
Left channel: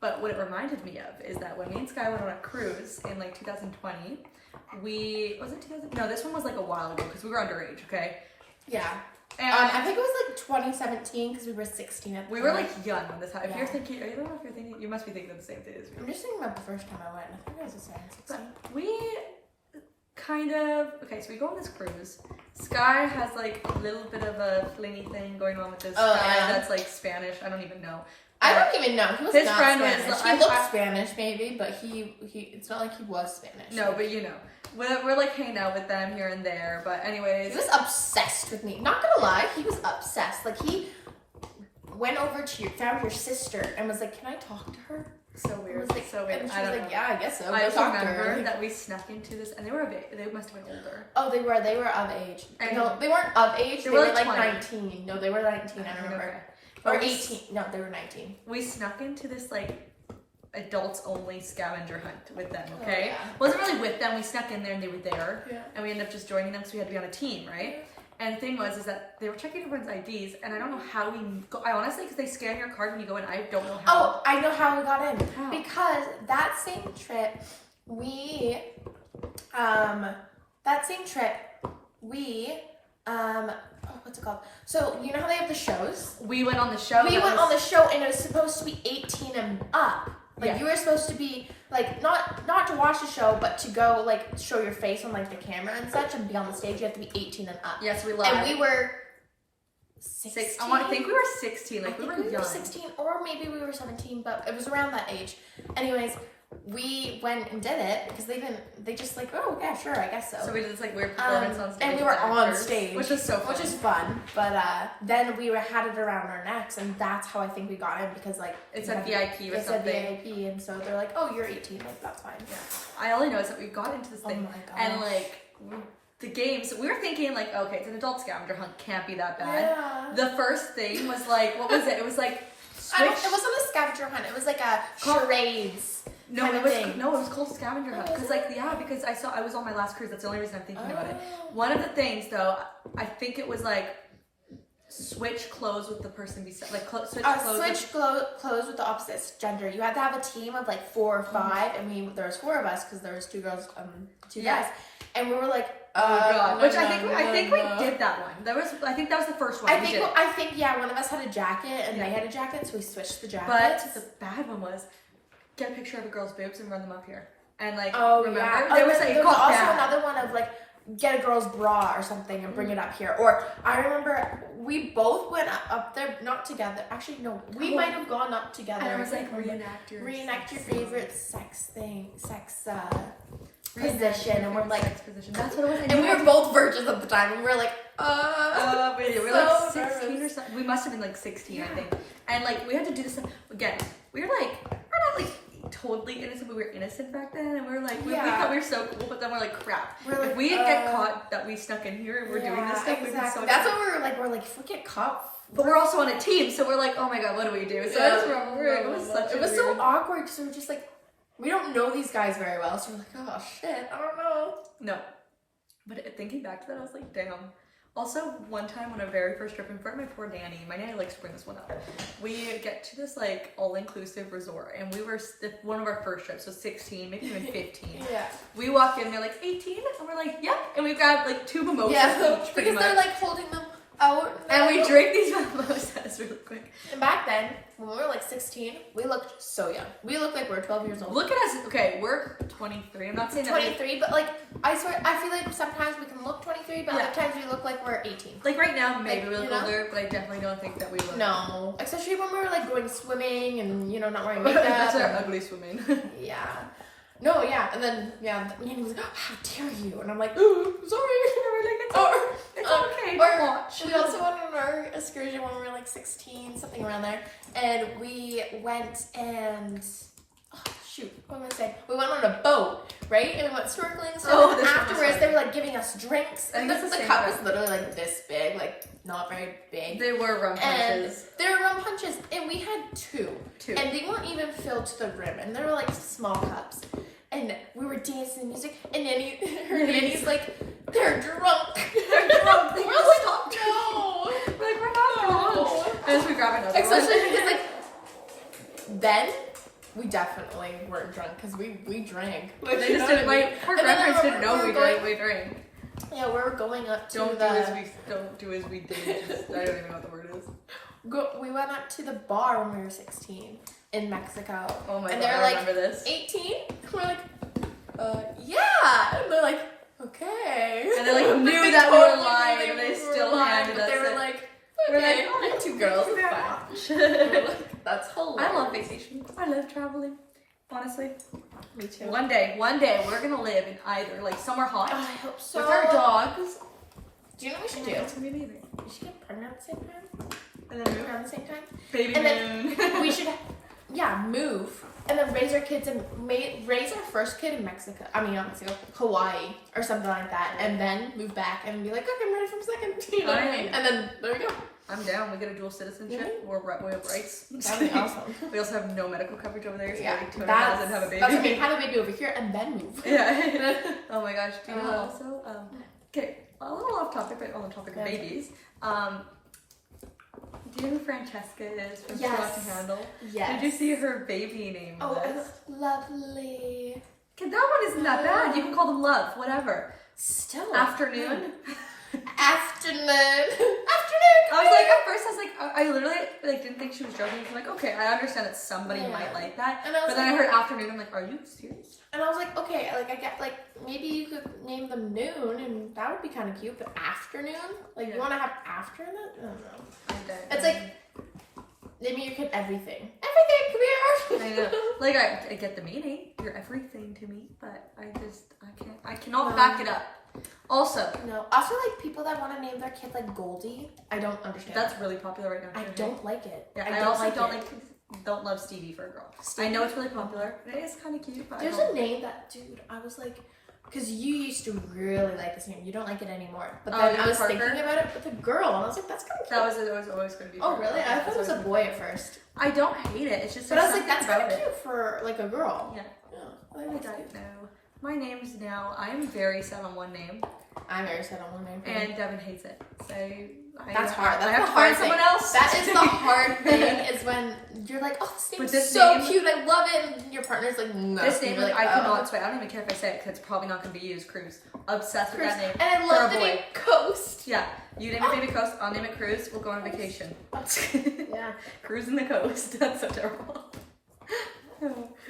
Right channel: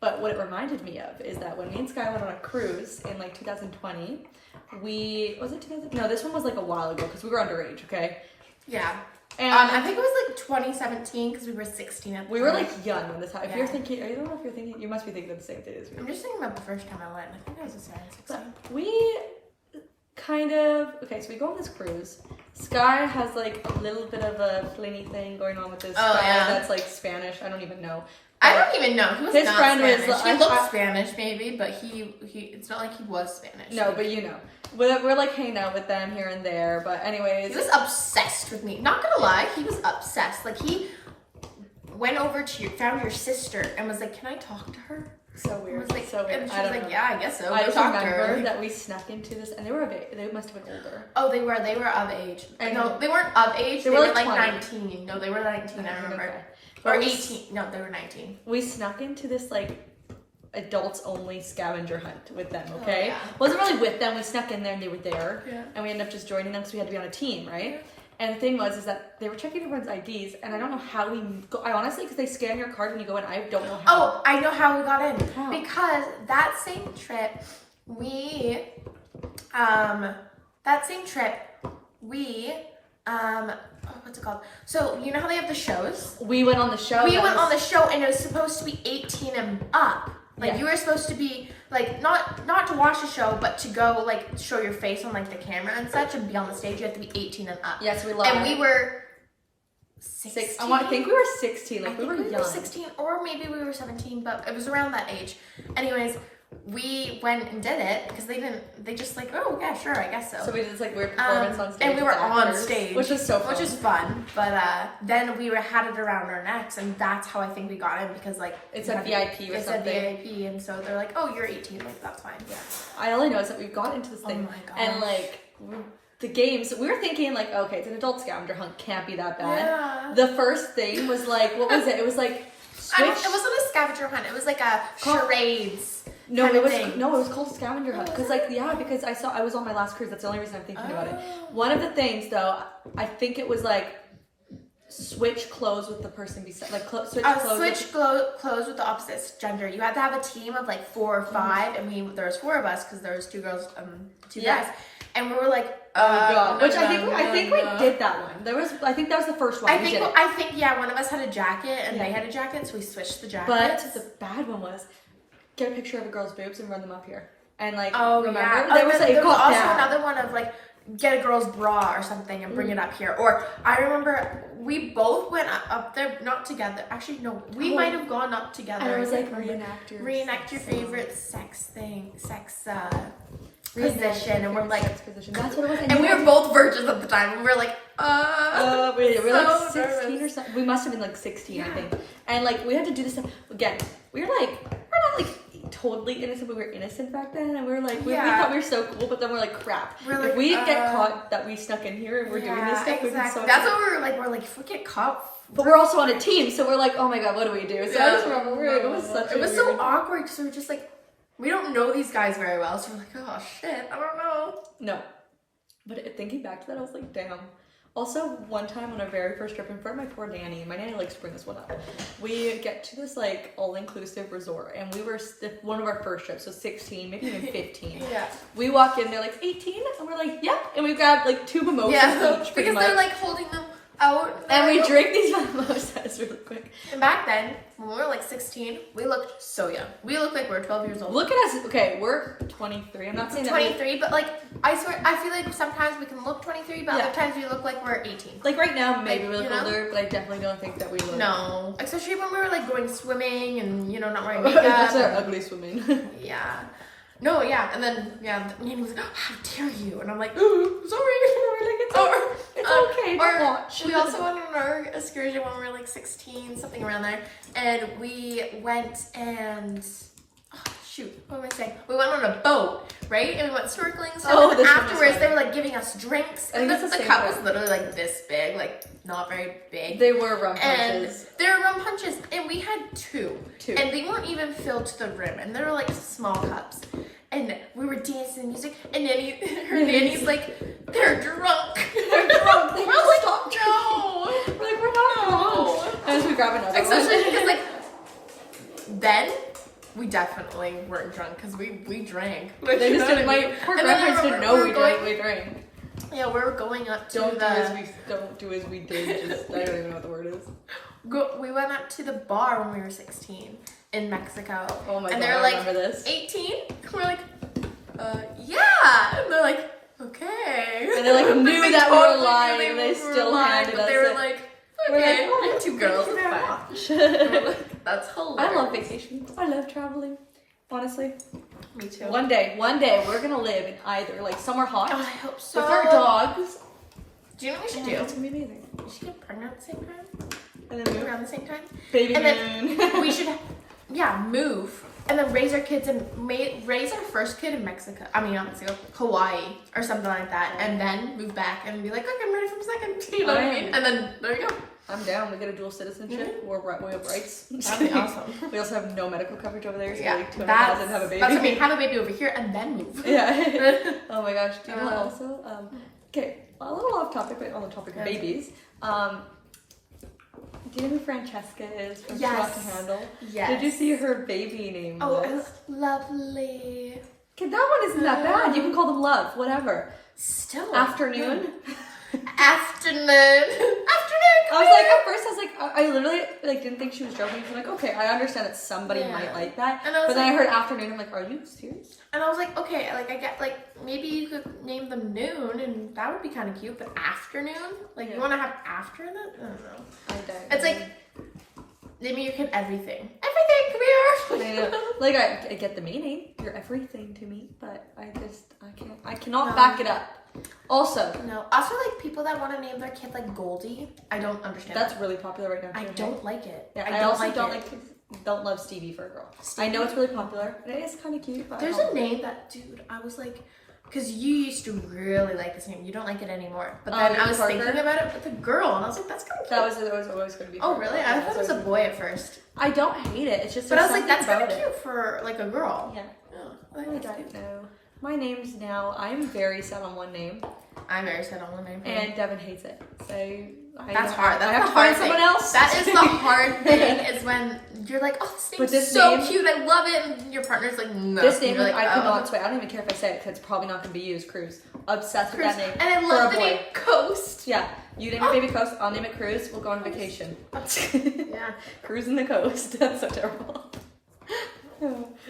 But what it reminded me of is that when me and Sky went on a cruise in like 2020, was it 2000? No, this one was like a while ago because we were underage, okay? Yeah. And I think it was like 2017 because we were 16 at the we were time. like young when this happened. If Yeah. you're thinking, I don't know if you're thinking, you must be thinking the same thing as me. I'm just thinking about the first time I went. I think I was just 16. But we kind of, okay, so we go on this cruise. Sky has like a little bit of a flingy thing going on with this Oh, guy yeah. that's like Spanish. I don't even know. I don't even know. He was His not friend was Spanish. the- He looked I- Spanish maybe, but he it's not like he was Spanish. No, but you know. We're like hanging out with them here and there. But anyways. He was obsessed with me. Not gonna lie, he was obsessed. Like he went over to found your sister and was like, "Can I talk to her?" So I weird. was like, so weird. and she I was don't like, know. "Yeah, I guess so." I Go just talk to remember her. Like, that we snuck into this, and they must have been older. oh, they were of age. I No, know. they weren't of age. They They were were like like 20. 19. No, they were 19. I remember. Okay. Or But we 18. No, they were 19. We snuck into this like adults only scavenger hunt with them, Oh, okay? yeah. Wasn't really with them, we snuck in there and they were there. Yeah. And we ended up just joining them because we had to be on a team, right? And the thing was that they were checking everyone's IDs and I don't know how we go. I honestly, because they scan your card when you go in, I don't know how. Oh, I know how we got in. How? Because that same trip, we what's it called? So you know how they have the shows? We went on the show. We went on the show and it was supposed to be 18 and up. Like Yeah. you were supposed to be like not to watch the show, but to go like show your face on like the camera and such and be on the stage. You have to be 18 and up. Yes, we love And it. we were 16. I think we were 16. I Like we think were we young. were 16 or maybe we were 17, but it was around that age. Anyways, we went and did it because they just like, oh yeah, sure, I guess so. So we did this like weird performance on stage. And we with were on actors, stage, which was so fun. which is fun. But then we had it around our necks, and that's how I think we got in because like It's we a had- VIP or it's something. a VIP, and so they're like, oh, you're 18, like that's fine. Yeah. I only know is that we've got into this Oh thing my gosh. and like the games. We were thinking like, okay, it's an adult scavenger hunt, can't be that bad. Yeah. The first thing was like, what was it? It was like I don't, switch. it wasn't a scavenger hunt. It was like a charades. No, kind it of was thing. no, it was called a scavenger hunt. Because like because I was on my last cruise. That's the only reason I'm thinking about it. Oh. One of the things though, I think it was like switch clothes with the person beside, like switch clothes. Switch clothes with the opposite gender. You had to have a team of like 4 or 5. I mean, there was 4 of us because there was 2 girls, 2 Yeah. guys, and we were like, Oh god! Which no, I think no. we did that one. I think that was the first one. I we think did. yeah, one of us had a jacket and Yeah. they had a jacket, so we switched the But jackets. the bad one was get a picture of a girl's boobs and run them up here. And like Oh remember yeah, there was like there was got also bad. another one of like get a girl's bra or something and bring it up here. Or I remember we both went up there, not together. Actually, no, we Oh. might have gone up together. And it was I like remember. Reenact your favorite sex position, and we're like, sex position. That's what it was. and we were both virgins at the time. We were like, we were like so 16 or nervous. something. We must have been like 16, I Yeah. think. And like we had to do this stuff again. We're not like totally innocent, but we were innocent back then, and we were like, we Yeah. thought we were so cool, but then we're like, crap. We're like, if we get caught that we snuck in here and we're doing this stuff, we'd be so. That's what we were like. We're like, if we get caught. But we're also on a team, so we're like, oh my god, what do we do? So I just remember it was such. It was so awkward because we were just like, we don't know these guys very well, so we're like, oh shit, I don't know. No. But thinking back to that, I was like, damn. Also, one time on our very first trip in front of my poor nanny, my nanny likes to bring this one up. We get to this like all-inclusive resort, and we were one of our first trips, so 16, maybe even 15. Yeah. We walk in, they're like 18, and we're like, yep. And we've got like 2 mimosas Yeah, each, pretty because they're much. like holding them out. And we drink these mimosas really quick. And back then, when we were like 16, we looked so young. We looked like we were 12 years old. Look at us. Okay, we're 23. I'm not saying that. 23, but like I feel like sometimes we can look 23, but Yeah. other times we look like we're 18. Like right now, maybe we Like, look you know? older, but I definitely don't think that we look. No, especially when we were like going swimming and not wearing makeup. That's our and- ugly swimming. Yeah. No, yeah, and then Nanny was like, "Oh, how dare you?" And I'm like, "Ooh, sorry." We're like, it's okay. Or Watch. we also went on our excursion when we were like 16, something around there, and we went and what am I saying? We went on a boat, right? And we went snorkeling and stuff. Oh, and this one was afterwards, fun. they were like giving us drinks. I think And it's the the same cup trip. was literally like this big, like not very big. They were rum And punches. they were rum punches, and we had 2. Two. And they weren't even filled to the rim, and they were like small cups. And we were dancing music, and Nanny's like, they're drunk. They're drunk. They We're like, stopped no. We're like, we're not No. drunk. And we grab another Especially one. because like, then we definitely weren't drunk because we drank. Like, They you just know didn't. what I My mean? poor And then I grandparents didn't remember know we were drank. We drank. Yeah, we were going up to Don't the. do as we did. Just, I don't even know what the word is. We went up to the bar when we were 16 in Mexico. Oh my And god, they're I like, remember this. 18? We're like, yeah. And they're like, okay. And they like knew They that we were totally lying, knew and we they were still lying, handed but us they were it. like, We're like, okay, oh, we're 2 girls, thank you it's very fine. much. We're like, that's hilarious. I love vacations. I love traveling. Honestly. Me too. One day we're gonna live in either like somewhere hot Oh, I hope so. with our dogs. Do you know what we should Oh, do? that's gonna be amazing. We should get pregnant at the same time. And then move. Around the same time. Baby And then moon. we should, move. And then raise our kids and raise our first kid in Mexico. Not Mexico, Hawaii or something like that. And then move back and be like, okay, I'm ready for a second. You know what I mean? And then there you go. I'm down. We get a dual citizenship. We have rights. That'd be awesome. We also have no medical coverage over there, so Yeah, we like 200,000 that's, have a baby. that's what I mean. Have a baby over here and then move. Yeah. Oh my gosh. Do you know Uh-huh. also? Okay, a little off topic, but on the topic of Yeah. babies. Do you know who Francesca is from Yes. Too Hot to Handle? Yes. Did you see her baby name Oh, list? lovely. Okay, that one isn't that bad. You can call them Love, whatever. Still. Afternoon. Afternoon. I was like, at first, I was like, I literally like didn't think she was joking. I'm like, okay, I understand that somebody Yeah. might like that. And I was But then I like- heard afternoon. I'm like, are you serious? And I was like, okay, like I get, like maybe you could name them Noon, and that would be kind of cute. But Afternoon, like Yeah. you want to have after that? I don't know. I don't. It's like naming your kid everything. Everything, come here. I know. Like I get the meaning. You're everything to me, but I cannot No. back it up. Also, No. Also, like people that want to name their kid like Goldie, I don't understand. that's really popular right now. I too, don't like it. Yeah, I I don't also like don't it. don't love Stevie for a girl. I know it's really popular. And it is kind of cute, but There's I a don't. name that, dude, I was like, because you used to really like this name. You don't like it anymore. But Oh, then I Amy was Parker? thinking about it with a girl, and I was like, that's kind of cute. That was always going to be. Oh, for a really? girl. I Yeah, thought it was a always boy at first. I don't hate it. It's just. But I was there's like, that's something kind of about cute for like a girl. it. Yeah. Yeah, I I think that's don't cute. know. My name's now. I'm very set on one name, I'm very set on one name. and Devin hates it. So That's hard. That's I have the to hard find someone thing. else. That is the hard thing, is when you're like, oh, this But name's this so name- cute, I love it, and your partner's like, no. This And name, you're like, like, I could oh. not sway. I don't even care if I say it because it's probably not going to be used. Cruz. Obsessed with Cruz. that name. And I For love a the boy. name Coast. Yeah. You name it Baby Coast. I'll name it Cruz. We'll go on vacation. Yeah, Cruising the coast. That's so terrible.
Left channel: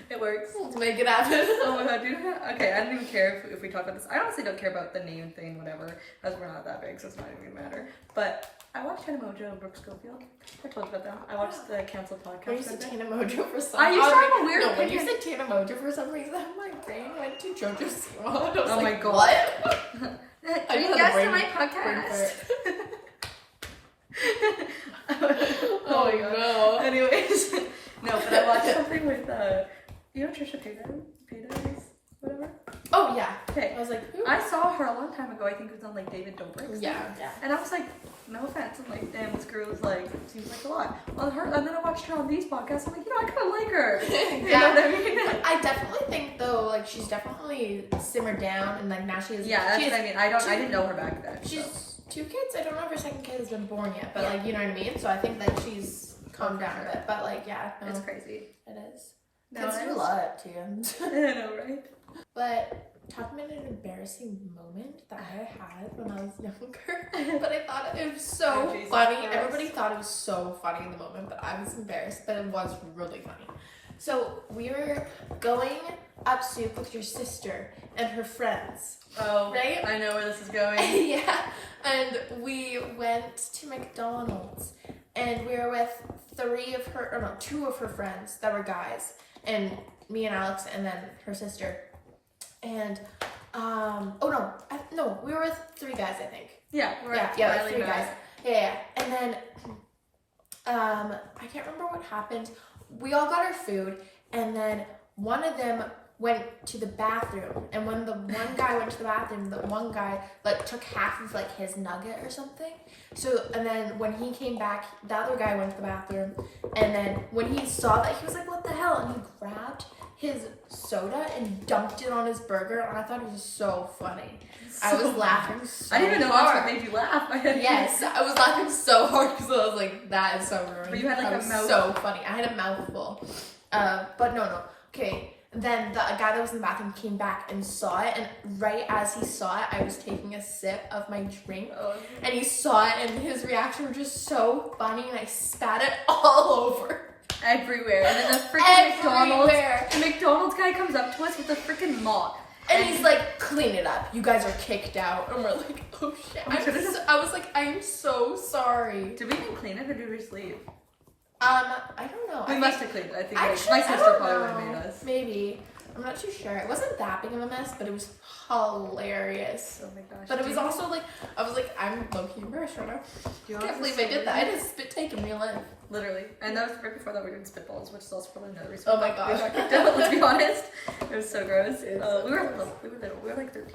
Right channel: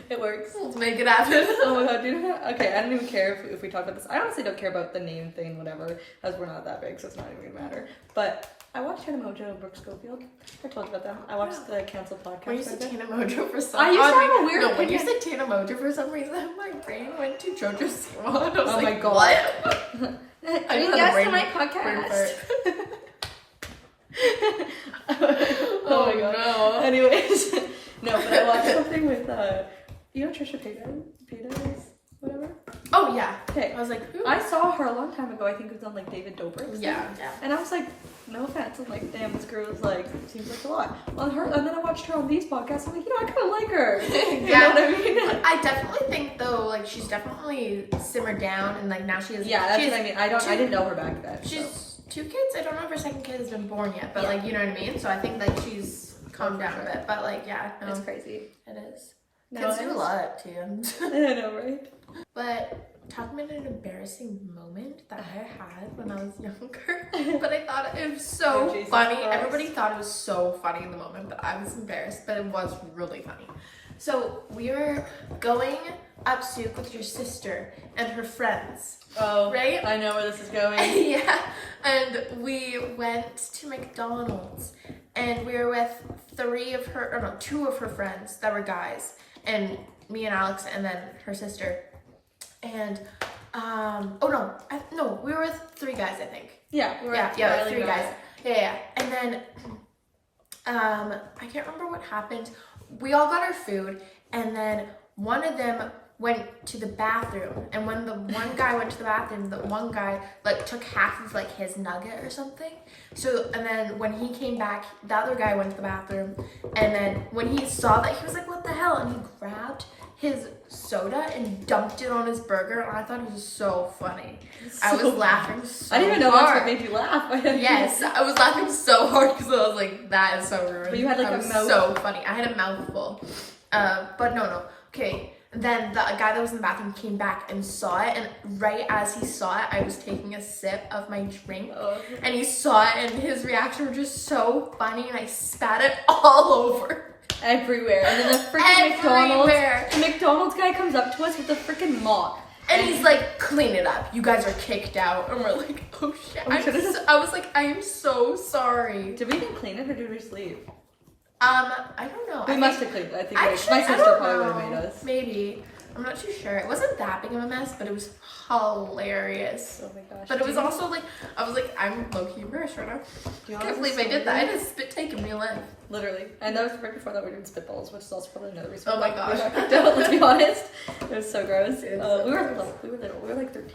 It works. let's make it happen. Oh my god, dude. Okay, I don't even care if we talk about this. I honestly don't care about the name thing, whatever, as we're not that big, so it's not even gonna matter. But I watched Hannah Mojo and Brooke Schofield. I told you about them. I watched the canceled podcast. When you said by them. Tina Mojo for some I used to have a weird No, when you opinion. said Tina Mojo for some reason, my brain went to Jojo Siwa. I was Oh like, my God. what? I I you just had a guessed brain- on my brain podcast. fart. Oh my god. no. Anyways, no, but I watched something with you know Trisha Paytas, whatever. Oh yeah. Okay, I was like, who? I saw her a long time ago. I think it was on like David Dobrik's. Yeah, yeah. And I was like, no offense. I'm like, damn, this girl is like, seems like a lot. On her, and then I watched her on these podcasts. I'm like, you know, I kind of like her. You Yeah. know what I mean? I definitely think though, like she's definitely simmered down, and like now she is. Yeah, that's she's, what I mean. I didn't know her back then. She's So. 2 kids. I don't know if her second kid has been born yet, but Yeah. like you know what I mean. So I think that she's calmed for down sure. a bit. But like yeah, no, It's crazy. it is. No, Kids do a it's- lot too. I know, right? But talking about an embarrassing moment that I had when I was younger, but I thought it was so Oh, Jesus funny. Christ. Everybody thought it was so funny in the moment, but I was embarrassed, but it was really funny. So we were going up soup with your sister and her friends, Oh, right? I know where this is going. Yeah, and we went to McDonald's, and we were with 2 of her friends that were guys, and me and Alex, and then her sister. And we were with 3 guys, I think. Yeah, Yeah, 3 guys. Yeah. And then I can't remember what happened. We all got our food, and then one of them went to the bathroom, and when the one guy went to the bathroom, the one guy like took half of like his nugget or something. So, and then when he came back, the other guy went to the bathroom, and then when he saw that, he was like, what the hell? And he grabbed his soda and dumped it on his burger, and I thought it was so funny. I was laughing so I didn't even know hard. that's what made you laugh. Yes, I was laughing so hard because I was like, that is so rude. But you had, like, that a was mouth- so funny. I had a mouthful. But no. Okay. Then the guy that was in the bathroom came back and saw it, and right as he saw it, I was taking a sip of my drink, Oh. and he saw it, and his reaction was just so funny, and I spat it all over. Everywhere. And then the freaking Everywhere. McDonald's guy comes up to us with a freaking mop. And he's like, clean it up. You guys are kicked out. And we're like, oh shit. I was like, I'm so sorry. Did we even clean it or did we just leave? I don't know. We I must think- have cleaned it. I think Actually, my I sister don't probably would know. have made us. Maybe. I'm not too sure. It wasn't that big of a mess, but it was hilarious. Oh my gosh. But it was Do you- also like, I was like, I'm low-key embarrassed right now. do you I want can't us believe to I did that. I stay? had a spit take in real life. Literally. And that was right before that we were doing spitballs, which is also probably another reason. Oh my why gosh. we got kicked out, let's be honest. It was so gross. It's so we were gross. little. We were like 13.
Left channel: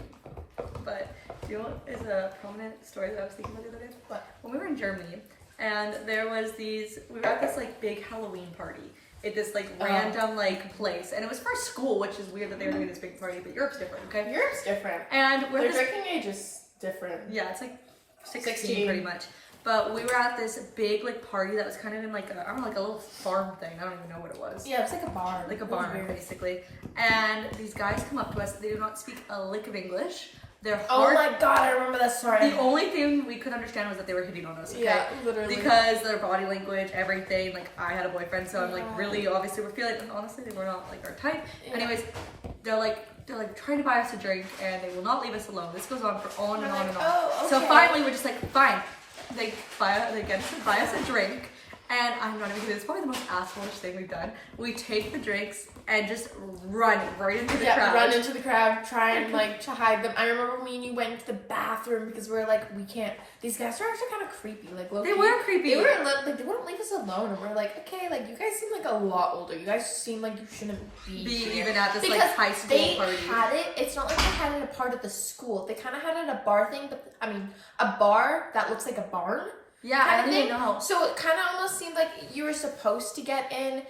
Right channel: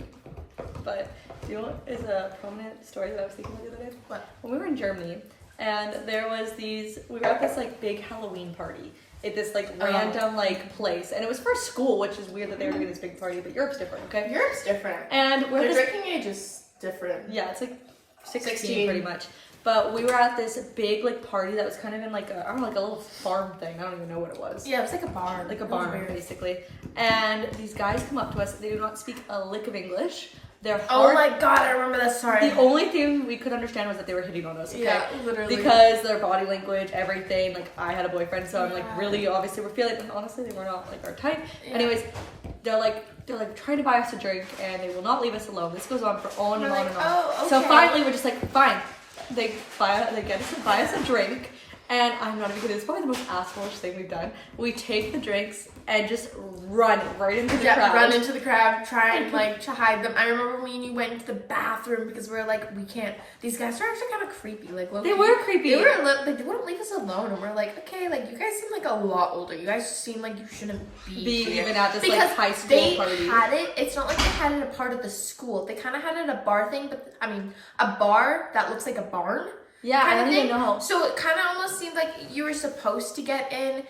But do you know what is a prominent story that I was thinking of the other day? What? When we were in Germany, and there was we were at this like big Halloween party at this like random like place, and it was for school, which is weird that they were doing this big party, but Europe's different, okay? Europe's different. And we're Their at this, drinking age is different. yeah, it's like 16 16. pretty much. But we were at this big like party that was kind of in like I don't know, like a little farm thing. I don't even know what it was. Yeah, it's like a barn. Like a It was barn weird. basically. And these guys come up to us. They do not speak a lick of English. Their Oh heart. my god, I remember that story. The only thing we could understand was that they were hitting on us. Okay? Yeah, literally. Because their body language, everything. Like I had a boyfriend, so I'm like Yeah. really obviously we're feeling. And honestly, they were not like our type. Yeah. Anyways, they're like trying to buy us a drink, and they will not leave us alone. This goes on for on We're and on like, and on. oh, okay. So finally, we're just like, fine. They get us to buy us a drink, and I'm not even kidding. It's probably the most assholeish thing we've done. We take the drinks and just run right into the crowd. Run into the crowd, try and like to hide them. I remember me and you went into the bathroom because we were like, we can't. These guys are actually kind of creepy. Like They were creepy. They were like they wouldn't leave us alone, and we're like, okay, like you guys seem like a lot older. You guys seem like you shouldn't be here. even at this Because like high school they party. had it. It's not like they had it a part of the school. They kind of had it a bar thing, but I mean, a bar that looks like a barn. Yeah, I kind of don't even thing. know. So it kind of almost seemed like you were supposed to get in,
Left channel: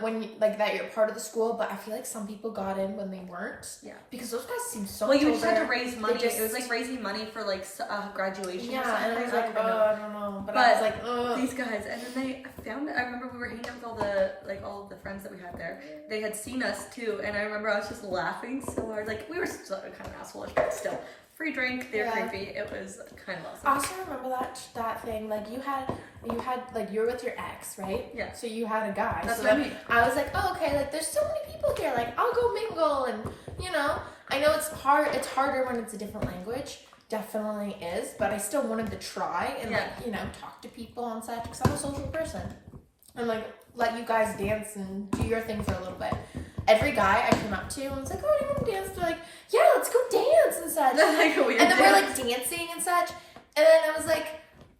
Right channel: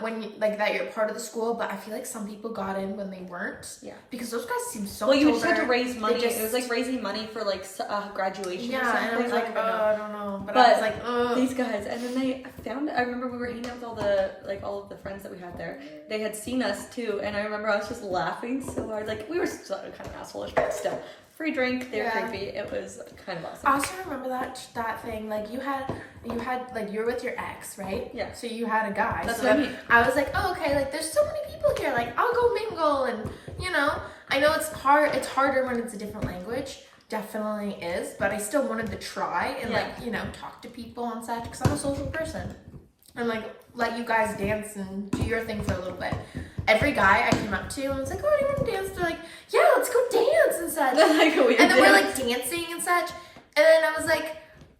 when you, like that you're part of the school. But I feel like some people got in when they weren't. Yeah. Because those guys seem so. Well, you older. just had to raise money. just- it was like raising money for like graduation. or Yeah, something. and I was like, don't know. I don't know. But I But was like, ugh. These guys, and then they found. I remember we were hanging out with all of the friends that we had there. They had seen us too, and I remember I was just laughing so hard. Like we were still kind of assholeish, but still, free drink. They were Yeah. creepy. It was kind of I awesome. also remember that thing. Like you had like you're with your ex, right? Yeah. So you had a guy. That's so what I then mean. I was like, oh, okay. Like there's so many people here. Like I'll go mingle, and I know it's hard. It's harder when it's a different language. Definitely is, but I still wanted to try and talk to people and such because I'm a social person. And like let you guys dance and do your thing for a little bit. Every guy I came up to and was like, oh, do you want to dance? They're like, yeah, let's go dance and such. Like, we And then did. we're like dancing and such. And then I was like,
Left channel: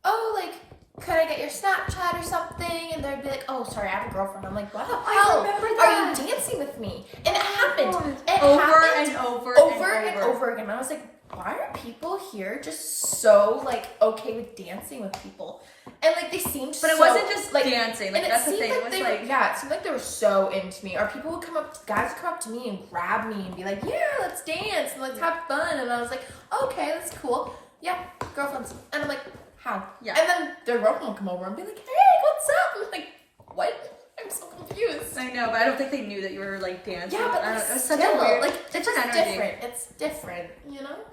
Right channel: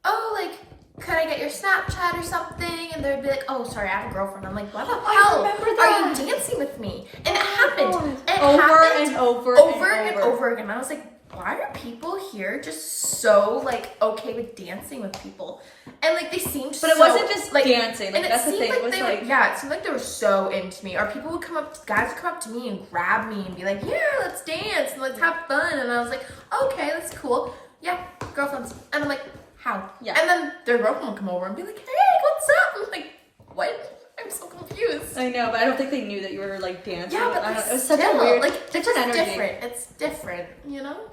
oh, like, could I get your Snapchat or something? And they'd be like, oh, sorry, I have a girlfriend. I'm like, why the I hell remember are that. you dancing with me? And it happened. It over happened and over and over again. I was like, why are people here just so like okay with dancing with people? And like they seemed But it so, wasn't just like dancing. Like and that's the seemed thing. like It was they like were, yeah, it seemed like they were so into me. Or people would guys would come up to me and grab me and be like, yeah, let's dance and let's have fun. And I was like, okay, that's cool. Yeah, girlfriends. And I'm like, how? Yeah. And then their girlfriend would come over and be like, hey, what's up? I'm like, what? I'm so confused. I know, but I don't think they knew that you were like dancing. Yeah, but I don't, it's it was such still, a weird, like it's different just energy. different. It's different,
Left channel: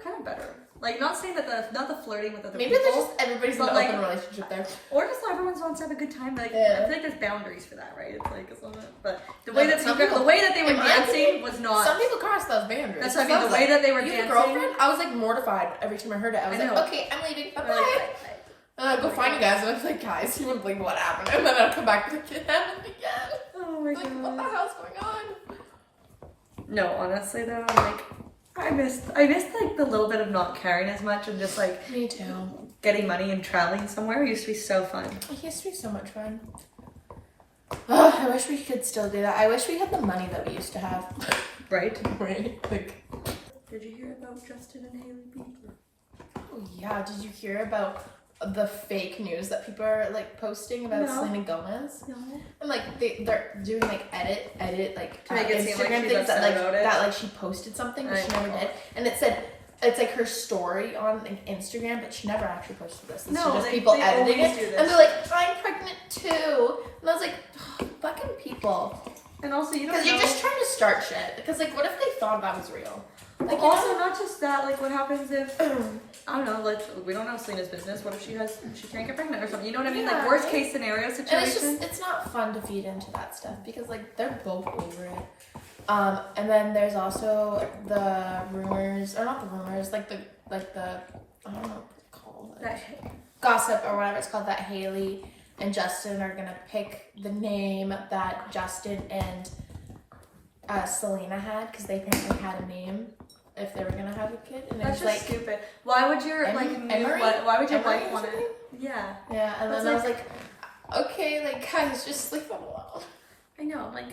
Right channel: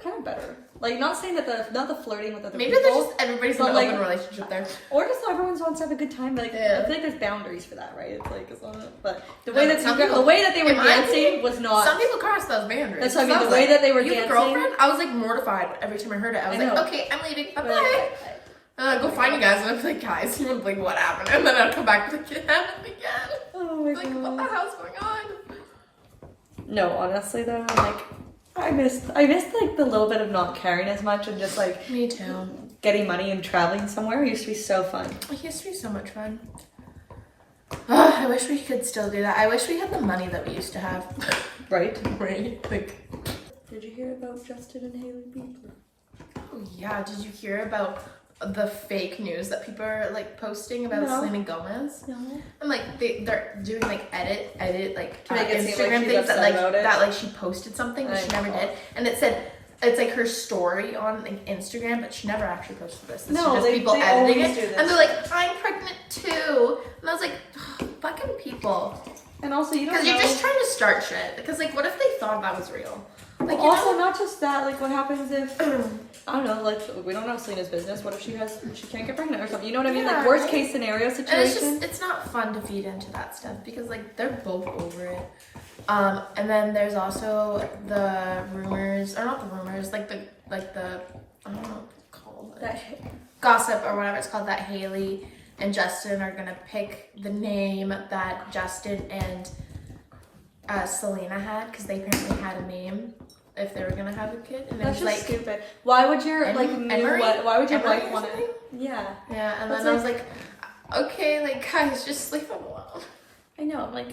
Kind of better. Like not saying that not the flirting with other Maybe people. they're just everybody's in but, an like, open relationship there. Or just everyone wants to have a good time. Like Yeah. I feel like there's boundaries for that, right? It's like it's not. But the No, way but that some people- the way that they were in my dancing opinion, was not. Some people cross those boundaries. That's what I mean. So The was way like, that they were you have a dancing. girlfriend? I was like mortified every time I heard it. I was I like, know. okay, I'm leaving. Bye But, bye. like, Go find you guys. And I was like, guys, you wouldn't believe what happened. And then I'd come back to it happened again. oh my Like, what the god. hell's going on? No, honestly though, like I missed like the little bit of not caring as much and just like Me too. getting money and traveling somewhere. It used to be so fun. It used to be so much fun. Ugh, I wish we could still do that. I wish we had the money that we used to have. Right? Right? Like, Did you hear about Justin and Hailey Bieber? oh yeah, did you hear about the fake news that people are like posting about No. Selena Gomez? No. And like they're doing like edit like To make it seem like Instagram she's things that upset about it. that she posted something but I she never know. did, and it said it's like her story on like, Instagram, but she never actually posted this. It's No, just they- people they editing always it, do this. and they're like, I'm pregnant too, and I was like, fucking people, And also you don't because know. you're just trying to start shit. Because like, what if they thought that was real? Like, you also, know? not just that, like, what happens if, I don't know, like, we don't know Selena's business. What if she can't get pregnant or something? You know what I mean? Yeah, Like, worst right? case scenario And it's situation. just, it's not fun to feed into that stuff because like they're both over it. And then there's also the rumors, or not the rumors, like the I don't know what to call it. That Gossip or whatever it's called, that Hailey and Justin are gonna pick the name that Justin and Selena had, because they apparently had a name if they were gonna have a kid, and it That's was just like stupid. Why would your, like, Emery? why would your Emery wife or want to, something? yeah. yeah, and That's then I was like, okay, like guys, just leave them alone. I know, like,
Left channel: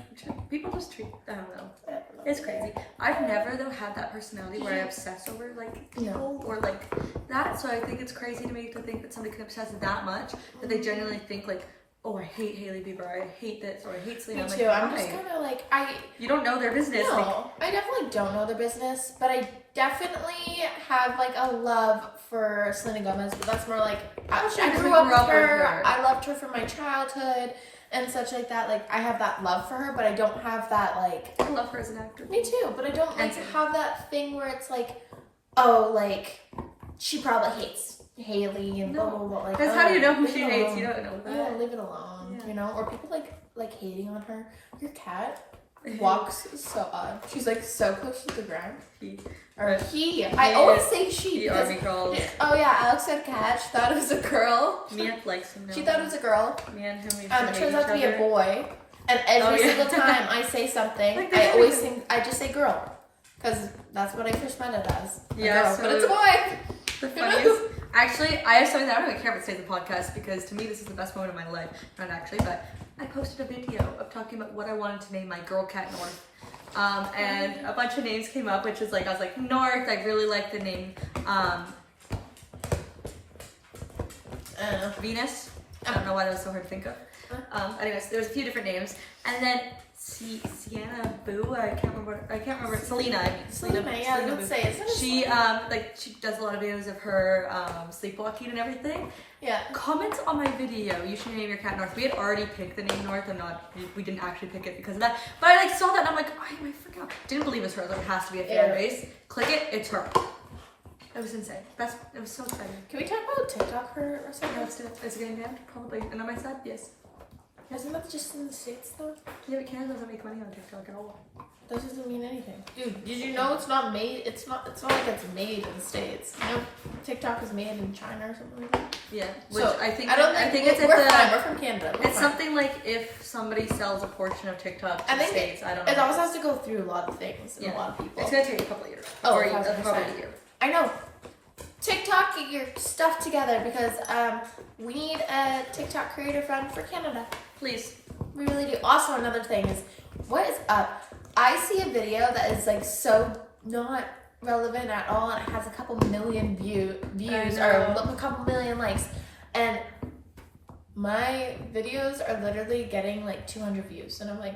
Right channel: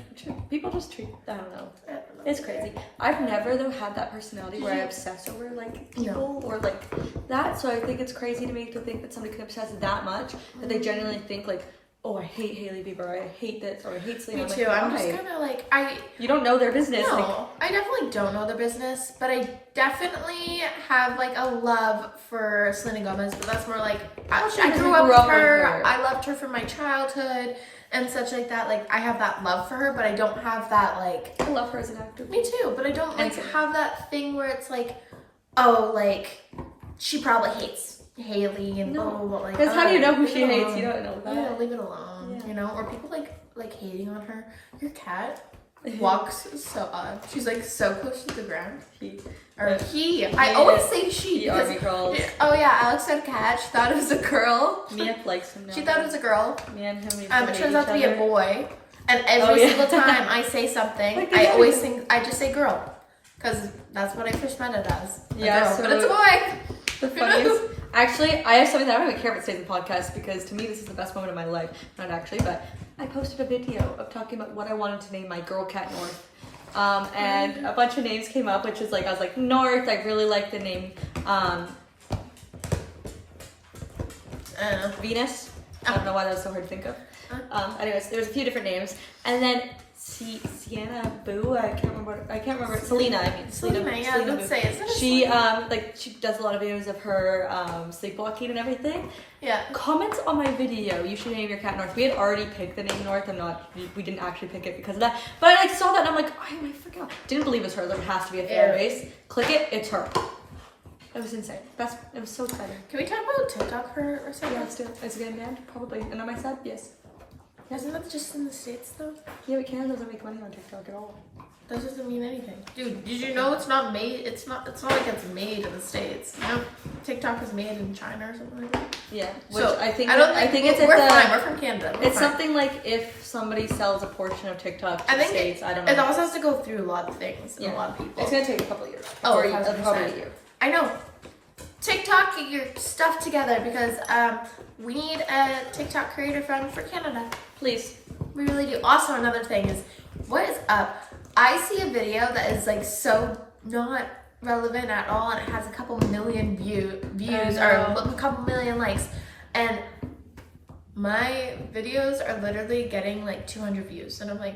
people just treat, I don't know. I don't know. It's crazy. I've never though had that personality where I obsess over like people or like that. So I think it's crazy to me to think that somebody can obsess that much that they genuinely think like, oh, I hate Hailey Bieber, I hate this, or I hate Selena. Me I'm too. like, I'm why? just kind of like You don't know their business. Like, No, I definitely don't know the business, but I definitely have like a love for Selena Gomez. But that's more like I because grew we up grew with up with her. her. I loved her from my childhood and such like that. Like I have that love for her, but I don't have that like. I love her as an actor. Me too, but I don't like Handsome. have that thing where it's like, oh, like, she probably hates Haley and blah, blah, blah. Like, Because how do you know who leave she it hates? alone. You don't know that. Yeah, leave it alone, Yeah. you know? Or people, like hating on her. Your cat walks so odd. She's, like, so close to the ground. Or he. I always say she. He army crawls. Oh, yeah, Alex had a cat. She thought it was a girl. Mia likes him now. She thought it was a girl. Me and him. It turns out to be a boy. And every Oh, yeah. single time I say something, Like I this always everything. think, I just say girl. Because that's what I first meant it as. A Yeah, girl. so- But it's a boy. The funniest. Actually, I have something that I don't even care if it stays in the podcast because to me this is the best moment of my life. Not actually, but I posted a video of talking about what I wanted to name my girl cat North. And a bunch of names came up, which is like I was like North. I really like the name Venus. I don't know why that was so hard to think of. Anyways, there's a few different names, and then Sienna Boo. I can't remember. Selena. I mean Selena, yeah, Selena let's Boo. say, isn't it? She she does a lot of videos of her sleepwalking and everything. Yeah. Comment on my video. You should name your cat North. We had already picked the name North. We didn't actually pick it because of that. But I like saw that and I'm like, I freaking didn't believe it was her. Like it has to be a fan Yeah. base. Click it. It's her. That was insane. It was so exciting. Can we talk about TikTok for a second? Yeah, let's do it. Is it good, man? Probably. And on my side, yes. Isn't that just in the States though? Yeah, but Canada doesn't make money on TikTok at all. That doesn't mean anything. Dude, did you know it's not made, it's not like it's made in the States. You know, TikTok is made in China or something like that. Yeah. Which So, I think it's it's we're at fine, we're from Canada. We're it's fine. something like if somebody sells a portion of TikTok to I the think States, I don't know. It also has to go through a lot of things and Yeah. a lot of people. It's gonna take a couple of years. Oh, Or 1000%. probably a year. I know. TikTok, get your stuff together because we need a TikTok creator friend for Canada. Please. We really do. Also, another thing is, what is up? I see a video that is like so not relevant at all, and it has a couple million views or a couple million likes, and my videos are literally getting like 200 views, and I'm like,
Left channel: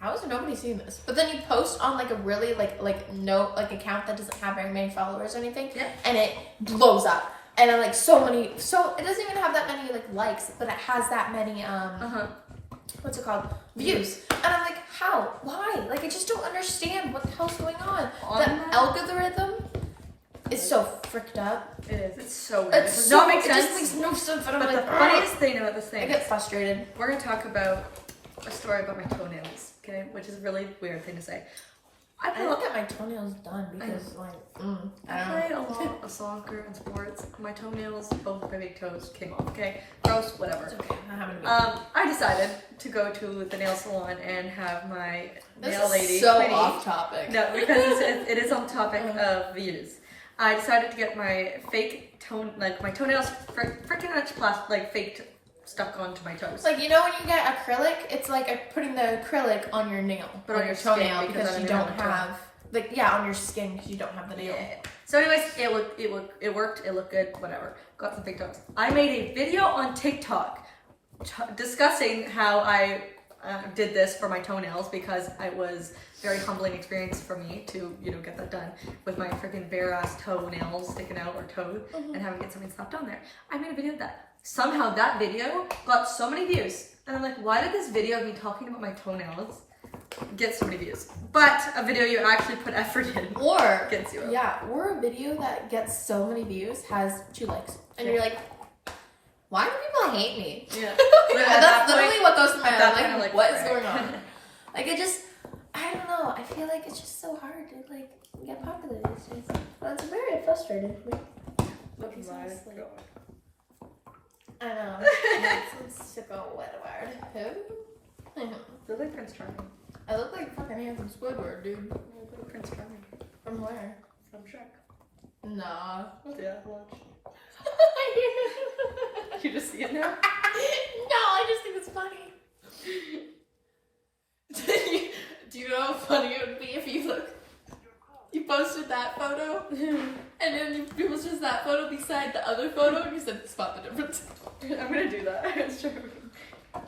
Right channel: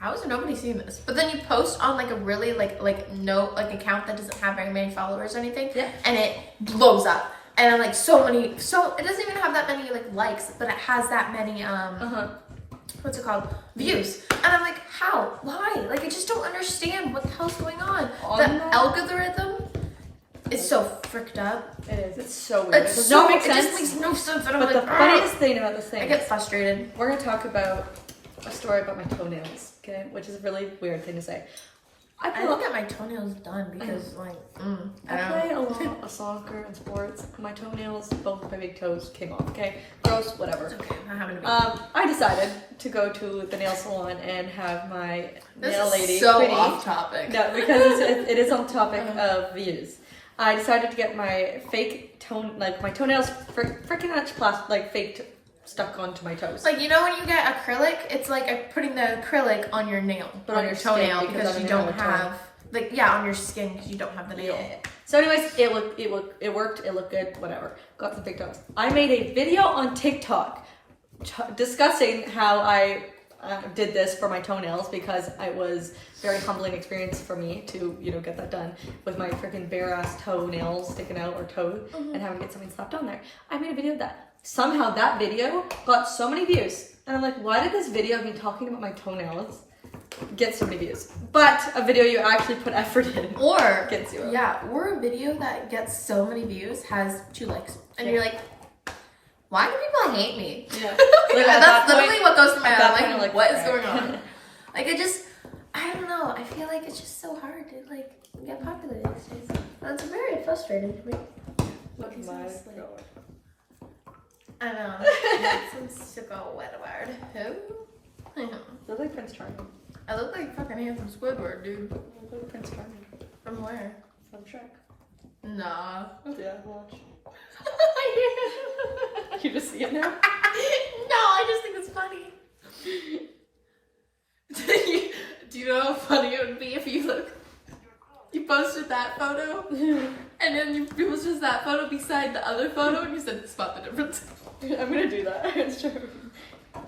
how is nobody seeing this? But then you post on like a really like account that doesn't have very many followers or anything, Yeah. and it blows up. And I'm like, so it doesn't even have that many like likes, but it has that many what's it called? Views. And I'm like, how? Why? Like I just don't understand what the hell's going on. The algorithm is so fricked up. It is. It's so weird. It's It does so, not make it just sense. makes no sense. And I'm But like, the funniest thing about this I thing, get frustrated. we're gonna talk about a story about my toenails, okay? Which is a really weird thing to say. I don't get my toenails done because I I play a lot of soccer and sports. My toenails, both my big toes, came off. Okay, gross, whatever. Okay, I haven't been. I decided to go to the nail salon and have my This nail is lady. so Quinny- off topic. No, because it is on topic of views. I decided to get my fake my toenails freaking much fake stuck onto my toes. Like, you know when you get acrylic, it's like putting the acrylic on your nail, But on on your your skin, toenail, because because I you don't don't have a toe. have, on your skin because you don't have the nail. Yeah. So anyways, it worked, it looked good, whatever. Got some fake toes. I made a video on TikTok discussing how I did this for my toenails because it was very humbling experience for me to, get that done with my freaking bare ass toenails sticking out or toe and having to get something slapped on there. I made a video of that. Somehow that video got so many views. And I'm like, why did this video of me talking about my toenails get so many views? But a video you actually put effort in Or, gets 0. or a video that gets so many views has 2 likes. And you're like, why do people hate me? Yeah. That's literally what goes through my at that mind. point, I'm Like, like, what is whatever. going on? Like, I don't know. I feel like it's just so hard to, get popular these days. And it's very frustrating to me. I know. It's a wet word. Who? Look like Prince Charming. I look like fucking handsome Squidward, dude. Look like Prince Charming From where? from Shrek. Nah. Yeah, watch. You just see it now? No, I just think it's funny. Do you know how funny it would be if you posted that photo and then you posted that photo beside the other photo and you said spot the difference? I'm gonna do that. It's true.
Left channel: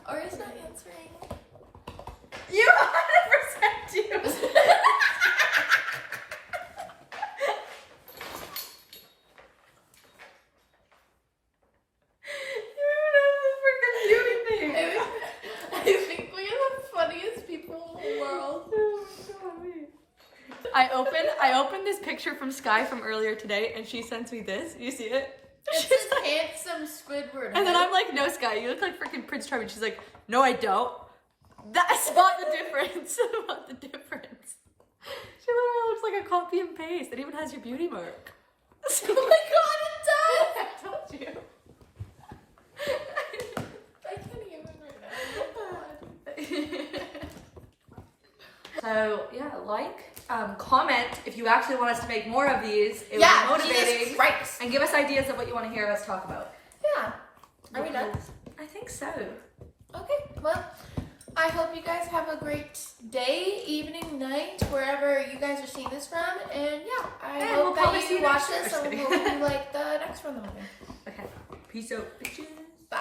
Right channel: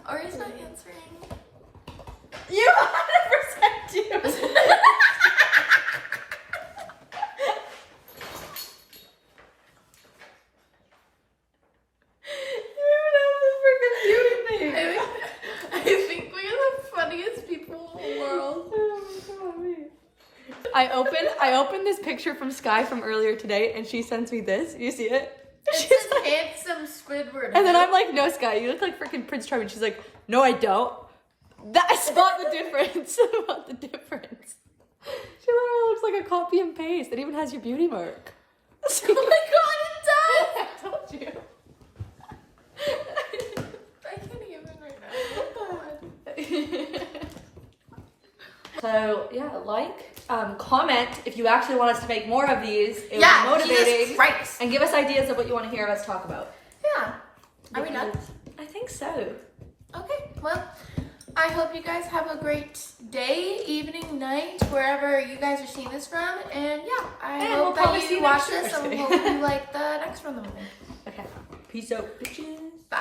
Or he's not answering. You 100% do. I think we are the funniest people in the world. I opened this picture from Sky from earlier today, and she sends me this. You see it? It She's says like- handsome Squidward. and then I'm like, no, Sky, you look like freaking Prince Charming. She's like, no, I don't. That's not the difference. Not the difference. She literally looks like a copy and paste. It even has your beauty mark. Oh my god, it does! I told you. I can't even right now. Oh So yeah, comment if you actually want us to make more of these. It god. would be motivating. Jesus Christ. And give us ideas of what you want to hear us talk about. Yeah. Are we done? I think so. Okay, well, I hope you guys have a great day, evening, night, wherever you guys are seeing this from. And yeah, I And we'll hope probably that see you you watch next this year. and hope you like the next one that we're doing. Okay. Peace out, bitches. Bye.